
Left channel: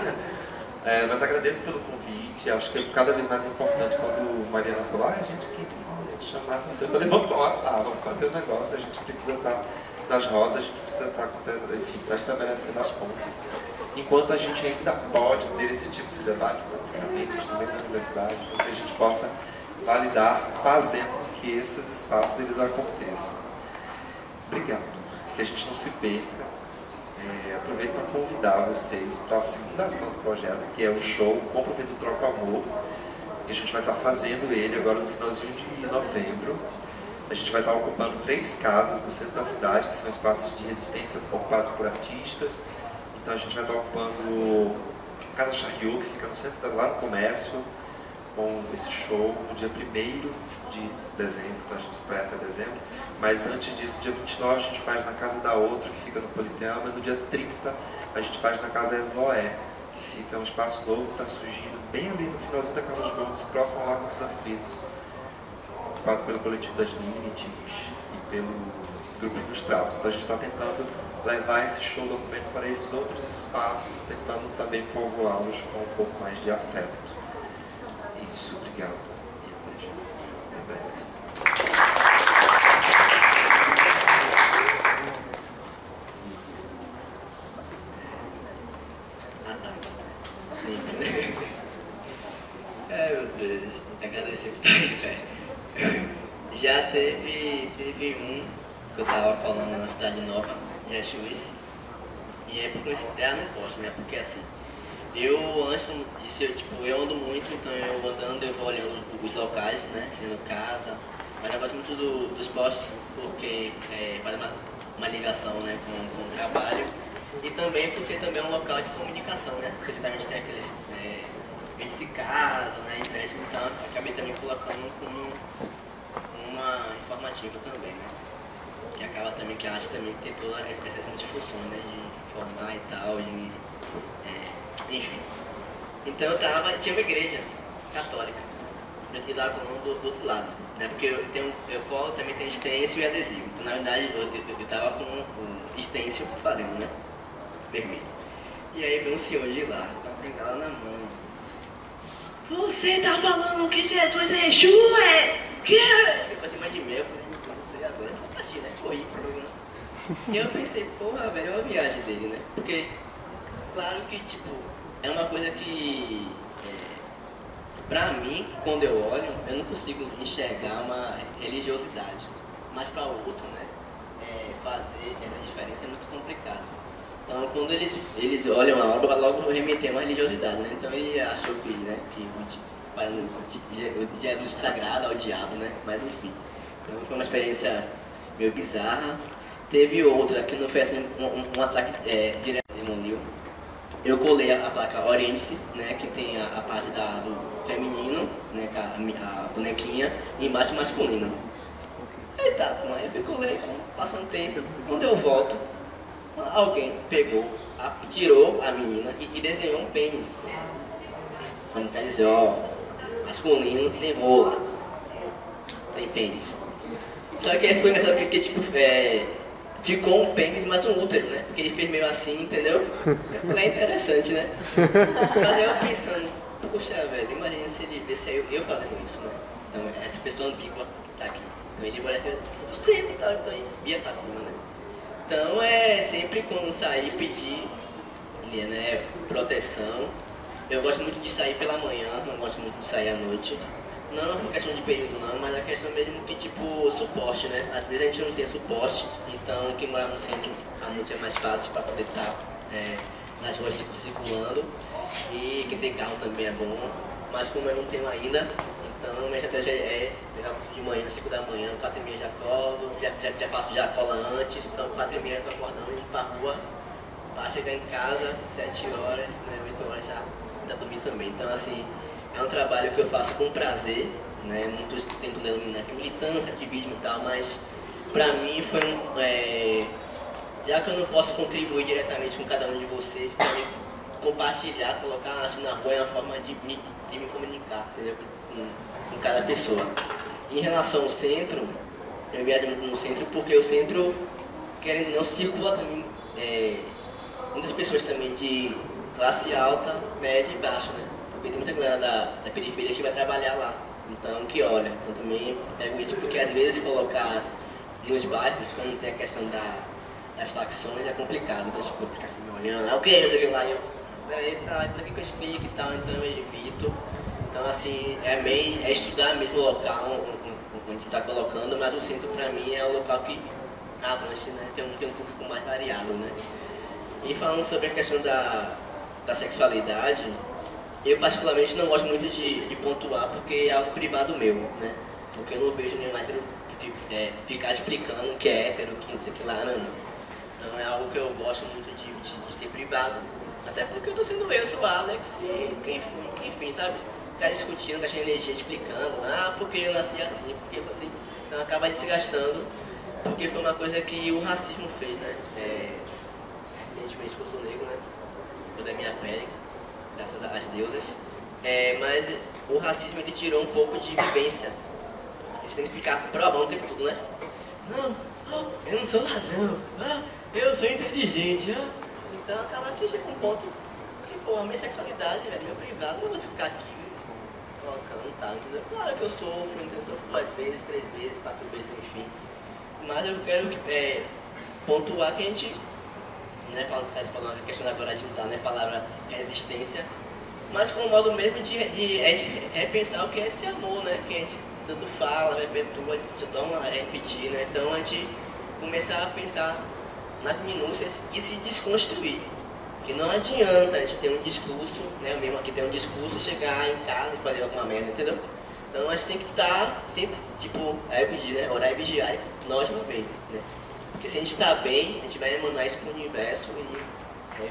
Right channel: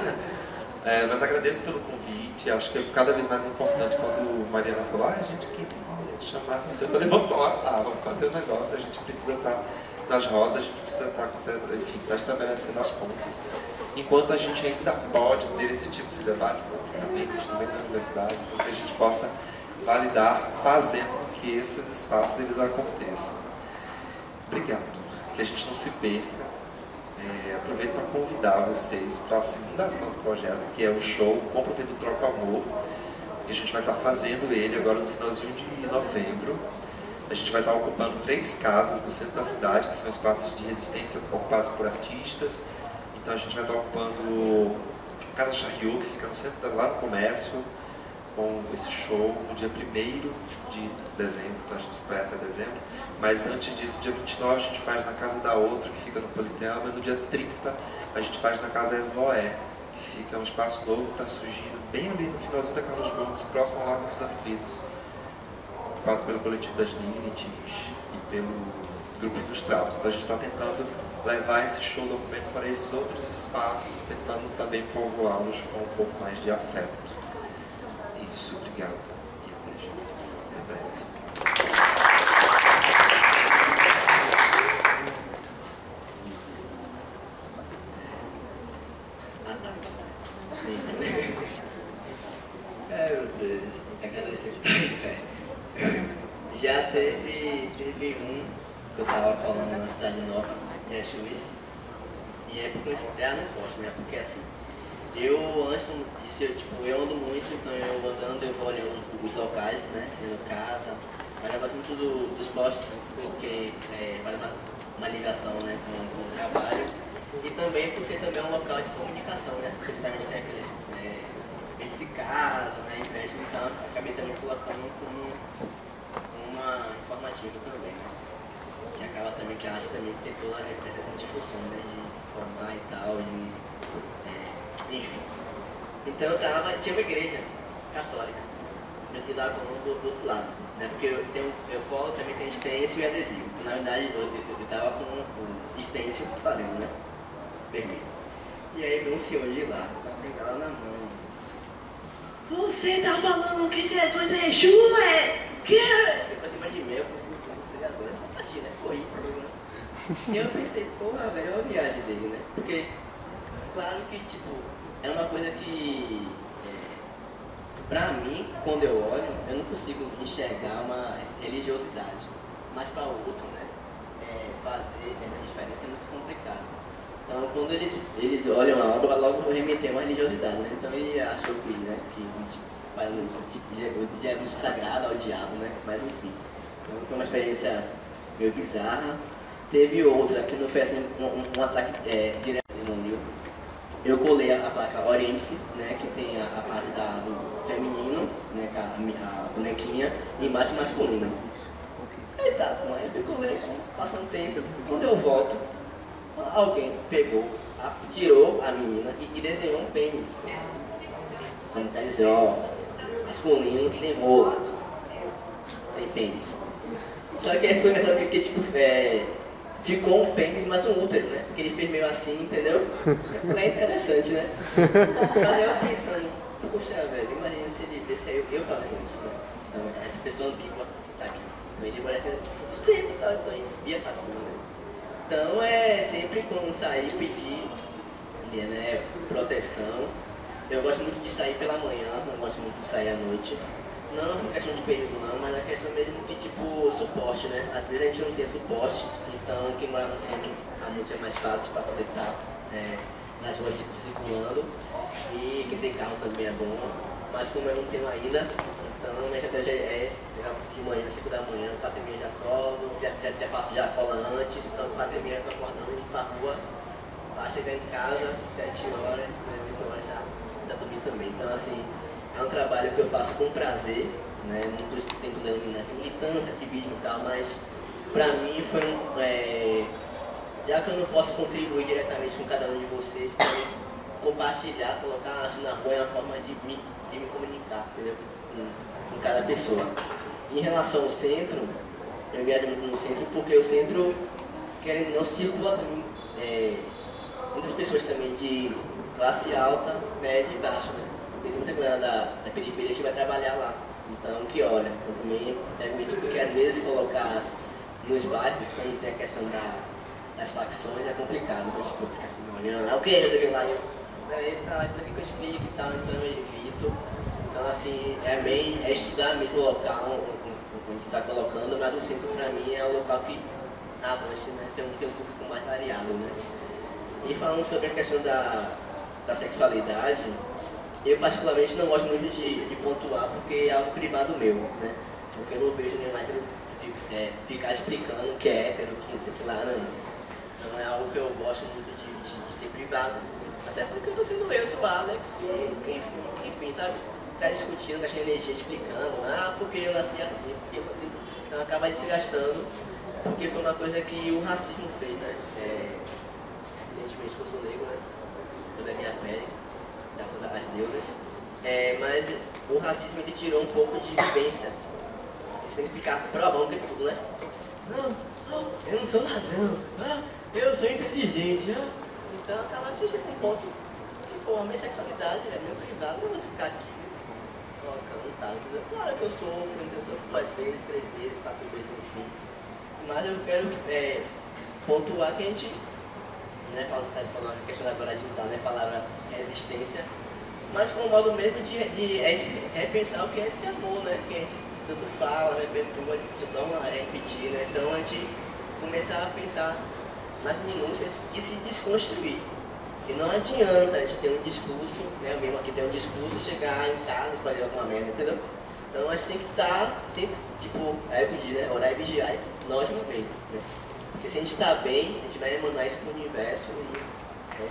Mas agradeço pelo convite, acho que é cada vez mais importante quando Mariana falou: a gente queria chamar você. Eu falei: vamos lá, vamos fazer o negócio, a gente precisa estar nas rodas, a gente precisa estar, enfim, estabelecendo as pontes. Enquanto a gente ainda pode ter esse tipo de debate publicamente, no meio da universidade, para que a gente possa validar, fazendo com que esses espaços eles aconteçam. Obrigado, que a gente não se perca. Aproveito para convidar vocês para a segunda ação do projeto, que é o show Compra do Troca Amor, que a gente vai estar fazendo ele agora no finalzinho de novembro. A gente vai estar ocupando 3 casas do centro da cidade, que são espaços de resistência ocupados por artistas. Então a gente vai estar ocupando a Casa Chariot, que fica no centro, lá no comércio, com esse show no dia 1º de dezembro, então a gente espera até dezembro. Mas antes disso, dia 29 a gente faz na Casa da Outra, que fica no Politeama, e no dia 30 a gente faz na Casa Evoé, que fica um espaço novo que está surgindo bem ali no finalzinho da Carlos Gomes, próximo ao Largo dos Aflitos, ocupado pelo coletivo das Linites e pelo Grupo dos Trapos. Então a gente está tentando levar esse show documento para esses outros espaços, tentando também povoá-los com um pouco mais de afeto. Isso, obrigado e até breve. 2001, que eu estava colando na Cidade Nova, Jesus. E aí, por coincidência, não posso, né? Porque assim, antes disso, eu ando muito, então eu andando, eu vou olhando os locais, né? Sendo casa. Mas eu gosto muito do esporte, porque faz uma ligação, né, com o trabalho. E também por ser também um local de comunicação, né? Porque certamente tem aqueles vídeos de casa, né? Então acabei também colocando como uma informativa também, né? Que acaba também, que a arte também tem toda essa discussão, né? De informar e tal, enfim. Então tinha uma igreja católica, aqui lá do outro lado, né? Porque eu colo, também tenho stencil e adesivo. Então na verdade eu tava com o stencil fazendo, né? Vermelho. E aí veio um senhor de lá, com a bengala na mão. Você tá falando que Jesus é Exu, Eu passei mais de meia, eu falei, não sei agora, é fantasia, né? Corri pro programa. E eu pensei, porra, velho, é uma viagem dele, né? Porque, claro que, é uma coisa que, pra mim, quando eu olho, eu não consigo enxergar uma religiosidade. Mas pra outro, né, fazer essa diferença é muito complicado. Então, quando eles olham a obra, logo remetem a uma religiosidade, né? Então, ele achou que, né, que o Jesus sagrado ao diabo, né? Mas, enfim. Então, foi uma experiência meio bizarra. Teve outra que não foi assim, um ataque direto no livro. Eu colei a placa Oriente-se, né? Que tem a parte do feminino, né? Com a bonequinha, e embaixo masculino. Aí tá, eu colei, passa um tempo. Quando eu volto, alguém pegou, tirou a menina e desenhou um pênis. Como quer dizer, ó, masculino tem rola, tem pênis. Só que foi engraçado porque, ficou um pênis, mas um útero, né? Porque ele fez meio assim, entendeu? Eu falei, é interessante, né? Mas eu pensando, poxa, velho, imagina se ele visse eu fazendo isso, né? Então, essa pessoa ambígua que tá aqui. Então ele parece, você tá, então ia pra cima, né? Então sempre quando sair pedir, né, proteção. Eu gosto muito de sair pela manhã, não gosto muito de sair à noite. Não por questão de período não, mas a questão mesmo que suporte, né? Às vezes a gente não tem suporte, então quem mora no centro à noite é mais fácil para poder estar nas ruas circulando. E quem tem carro também é bom, mas como eu não tenho ainda, então minha estratégia é pegar de manhã, às 5 da manhã, 4h30 já acordo, já passo já cola antes, então 4h30 eu estou acordando, indo pra rua, para chegar em casa, 7 horas, né, 8 horas já dormir também. Então assim, é um trabalho que eu faço com prazer, né, não estou tentando denominar aqui militância, ativismo e tal, mas pra mim foi já que eu não posso contribuir diretamente com cada um de vocês, para compartilhar, colocar a arte na rua é uma forma de me comunicar, entendeu? Com cada pessoa. Em relação ao centro, eu viajo muito no centro porque o centro, querendo ou não, circula também muitas pessoas também de classe alta, média e baixa, né? Porque tem muita galera da periferia que vai trabalhar lá, então que olha. Então também pego isso porque às vezes colocar nos bairros, quando tem a questão das facções, é complicado. Então tipo, fica assim me olhando, o que? Eu cheguei lá e daqui que eu explico e tal, então eu evito. Então assim, é estudar mesmo o local onde você está colocando, mas o centro para mim é o local que abrange, né? Tem um público mais variado, né? E falando sobre a questão da sexualidade, eu particularmente não gosto muito de pontuar porque é algo privado meu, né? Porque eu não vejo nenhum hétero ficar explicando que é hétero, que não sei o que lá, não. Então é algo que eu gosto muito de ser privado. Até porque eu tô sendo eu, sou o Alex e enfim, sabe? Ficar discutindo, gastando energia, explicando, porque eu nasci assim, porque eu sou assim. Então acaba desgastando, porque foi uma coisa que o racismo fez, né? Evidentemente que eu sou negro, né? Toda a minha pele, graças às deusas. Mas o racismo ele tirou um pouco de vivência. A gente tem que ficar provando o tempo todo, né? Não, eu não sou ladrão, eu sou inteligente. Então acaba que chega um ponto que, a minha sexualidade, meu privado, eu não vou ficar aqui colocando e tal, entendeu? Claro que eu sofro, então eu sofro 2 vezes, 3 vezes, 4 vezes, enfim. Mas eu quero pontuar que a gente, né, falando a questão agora de usar, né, a palavra resistência, mas com o modo mesmo de repensar o que é esse amor, né, que a gente tanto fala, perpetua, dá uma repetir, né? Então a gente começar a pensar nas minúcias e se desconstruir. Que não adianta a gente ter um discurso, né? Mesmo aqui ter um discurso, chegar em casa e fazer alguma merda, entendeu? Então a gente tem que estar sempre, tipo, pedir, né? Orar e vigiar, nós não bem, né? Porque se a gente está bem, a gente vai emanar isso para o universo e, né?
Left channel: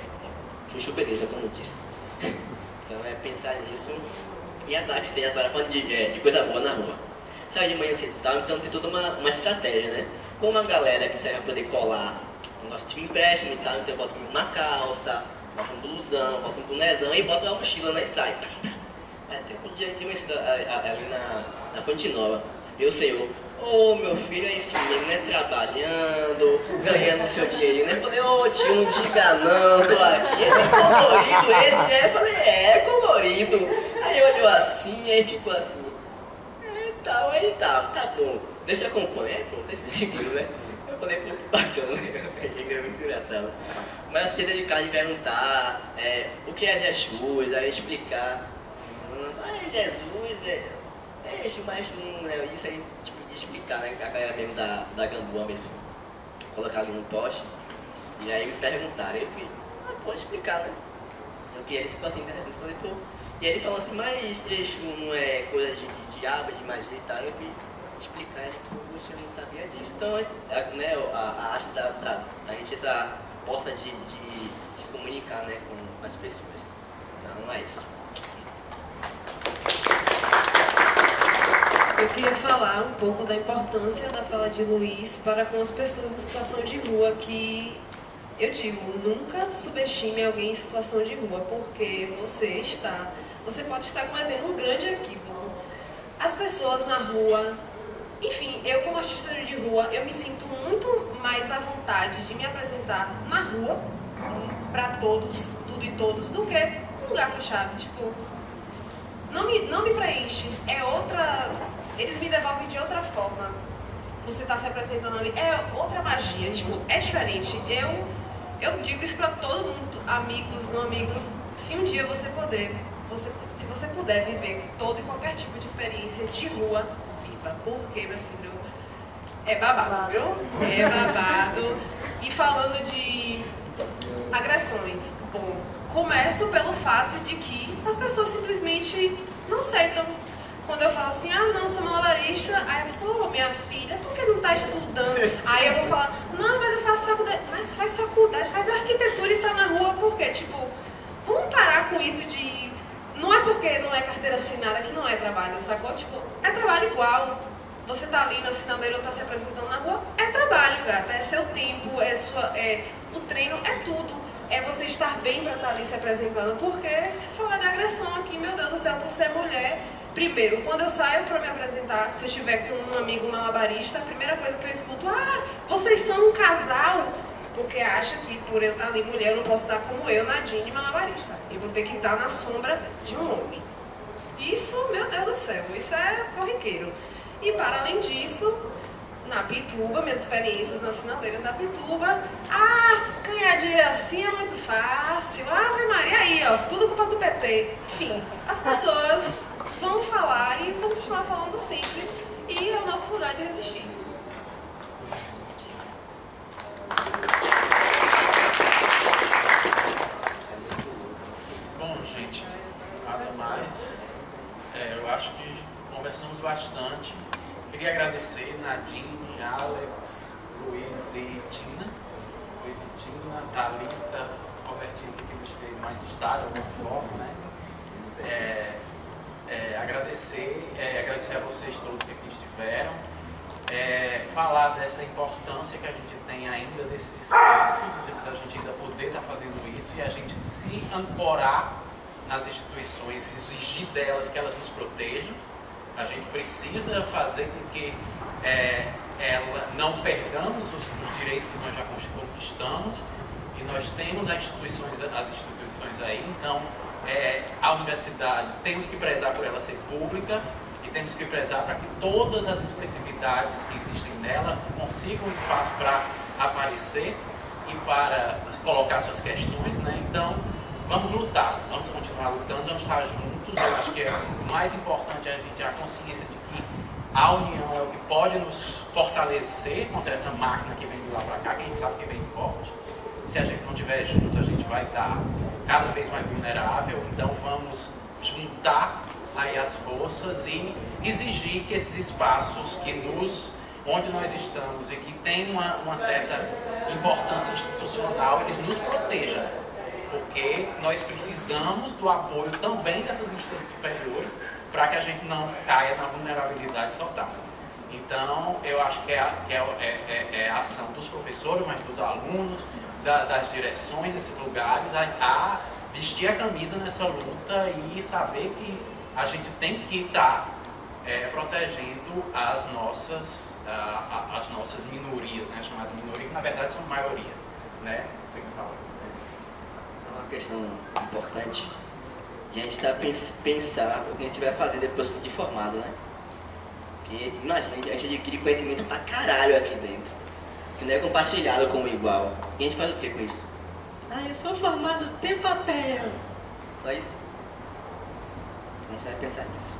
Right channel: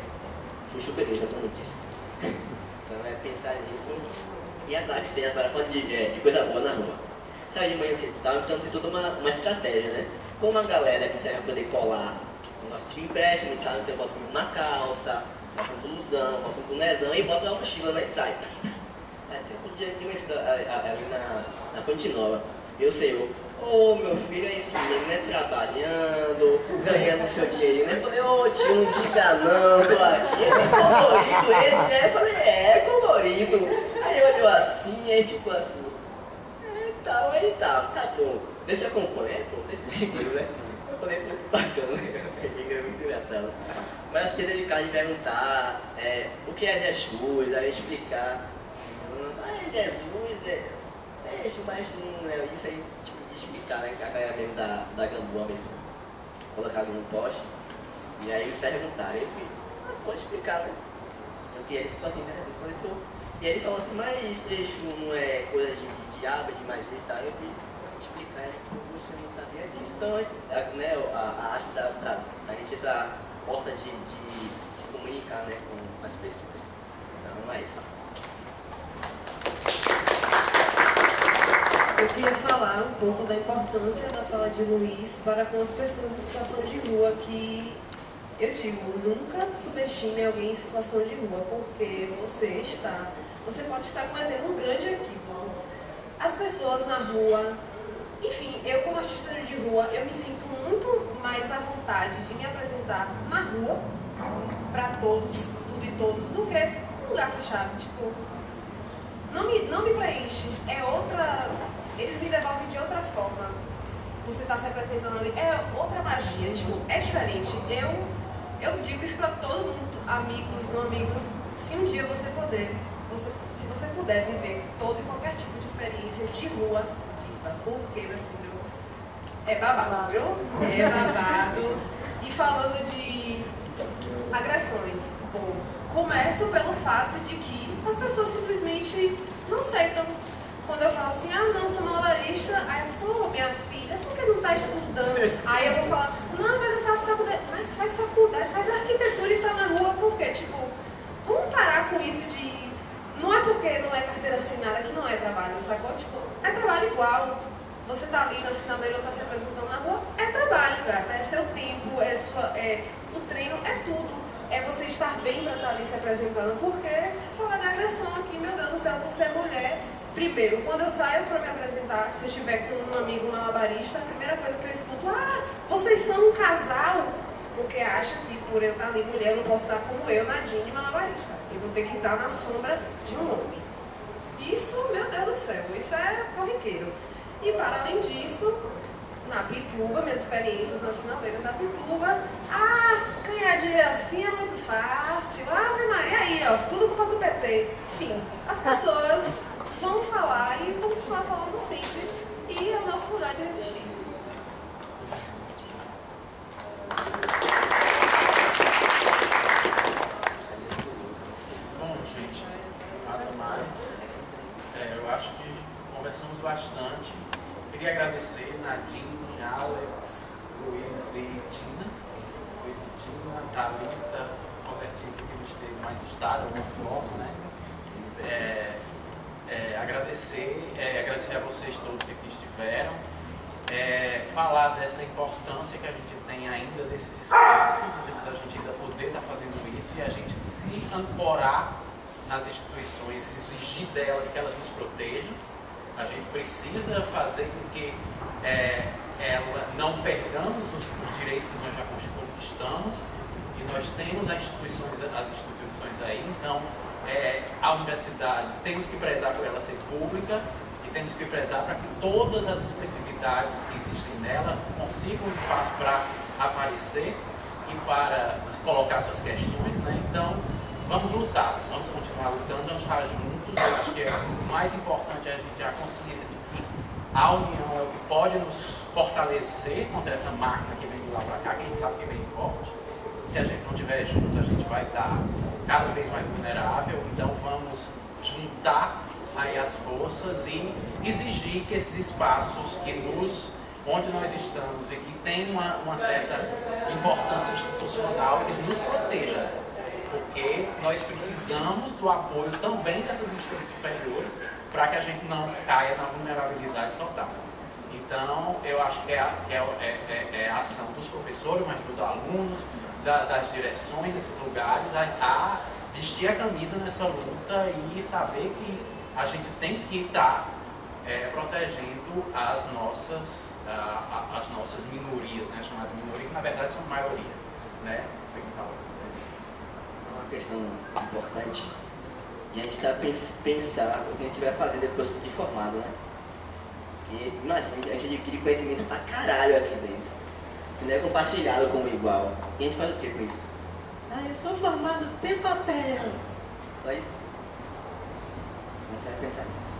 Chuchu beleza, como eu disse. Então é pensar nisso e atrás que seja para de coisa boa na rua. Sabe, de manhã cedo, então tem toda uma estratégia, né? Com uma galera que serve para poder colar um negócio de empréstimo e tal, então eu boto uma calça, boto um blusão, boto um bonézão e boto uma mochila, né? E sai. Tem um dia de manhã cedo ali na Fonte Nova. Meu senhor, ô meu filho, é isso mesmo, né? Trabalhando, ganhando seu dinheirinho, né? Falei, ô tio, não diga não, tô aqui, é colorido esse, é? Falei, é colorido. Aí olhou assim, aí ficou assim. Aí tá bom, deixa eu acompanhar, pronto, ele seguiu, né? Eu falei, pô, que bacana, né? É muito engraçado. Mas tinha de casa de perguntar o que é Jesus, aí explicar. Jesus mas né, isso aí, tipo, de explicar, né? A galera mesmo da Gamboa mesmo, colocar ali no poste. E aí me perguntaram, eu falei, pode explicar, né? Porque ele ficou assim, interessante, falei, pô. E ele falou assim, mas Exu não é coisa de diabo, de magia e tal. Eu fui explicar, ele falou, você não sabia disso. Então, né, a arte da gente, essa porta de se comunicar, né, com as pessoas. Então, é isso. Eu queria falar um pouco da importância da fala de Luiz para com as pessoas em situação de rua, que eu digo, nunca subestime alguém em situação de rua, porque você pode estar cometendo um grande equívoco. As pessoas na rua, enfim, eu como artista de rua, eu me sinto muito mais à vontade de me apresentar na rua, para todos, tudo e todos, do que num lugar fechado. Tipo, não me preenche, é outra... Eles me devolvem de outra forma. Você está se apresentando ali, é outra magia, tipo, é diferente. Eu digo isso para todo mundo, amigos, não amigos, se um dia você puder, se você puder viver todo e qualquer tipo de experiência de rua, viva, porque, meu filho, é babado, viu? É babado. E falando de agressões, bom, começo pelo fato de que as pessoas simplesmente não aceitam. Quando eu falo assim, não, sou malabarista, aí a pessoa, minha filha, por que não está estudando? Aí eu vou falar, não, mas eu faço faculdade. Mas faz faculdade, faz arquitetura e está na rua, por quê? Tipo, vamos parar com isso de... Não é porque não é carteira assinada que não é trabalho, sacou? Tipo, é trabalho igual. Você tá ali na sinaleira ou tá se apresentando na rua, é trabalho, gata, é seu tempo, o treino, é tudo. É você estar bem para estar ali se apresentando, porque se falar de agressão aqui, meu Deus do céu, por ser mulher... Primeiro, quando eu saio para me apresentar, se eu estiver com um amigo malabarista, a primeira coisa que eu escuto, vocês são um casal, porque acha que por eu estar ali mulher, eu não posso estar como eu, Nadine, malabarista. Eu vou ter que estar na sombra de um homem. Isso, meu Deus do céu, isso é corriqueiro. E para além disso, na Pituba, minhas experiências nas sinaleiras da Pituba, ganhar dinheiro assim é muito fácil, Ave Maria, aí, ó, tudo culpa do PT. Enfim, as pessoas vão falar e vão continuar falando sempre, e é o nosso lugar de resistir. Bom, gente, nada mais. Eu acho que conversamos bastante. Queria agradecer Nadine, Alex, Luiz e Tina. Thalita, Robertinho, que nos teve mais estado, de alguma forma, né? Agradecer a vocês todos que aqui estiveram. Falar dessa importância que a gente tem ainda desses espaços, da gente ainda poder estar fazendo isso e a gente se ancorar nas instituições, exigir delas que elas nos protejam. A gente precisa fazer com que não perdamos os direitos que nós já conquistamos, e nós temos as instituições aí. Então, a universidade, temos que prezar por ela ser pública e temos que prezar para que todas as expressividades que existem nela consigam espaço para aparecer e para colocar suas questões, né? Então, vamos lutar, vamos continuar lutando, vamos estar juntos. Eu acho que o mais importante é a gente ter a consciência de que a união é o que pode nos fortalecer contra essa máquina que vem de lá para cá, que a gente sabe que vem forte. Se a gente não estiver junto, a gente vai estar cada vez mais vulnerável. Então vamos juntar aí as forças e exigir que esses espaços onde nós estamos e que tem uma certa importância institucional, eles nos protejam. Porque nós precisamos do apoio também dessas instâncias superiores para que a gente não caia na vulnerabilidade total. Então, eu acho que é a ação dos professores, mas dos alunos, das direções desses lugares, a vestir a camisa nessa luta e saber que a gente tem que estar protegendo as nossas minorias, né, chamadas minorias, que na verdade são maioria. Né? Você que fala. É uma questão importante de a gente pensar o que a gente vai fazer depois de formado, né? Porque, imagina, a gente adquire conhecimento pra caralho aqui dentro, que não é compartilhado com o igual. E a gente faz o que com isso? Ah, eu sou formado, tem papel. Só isso. Então você vai pensar nisso.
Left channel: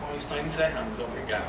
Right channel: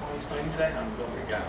Com isso nós encerramos. Obrigado.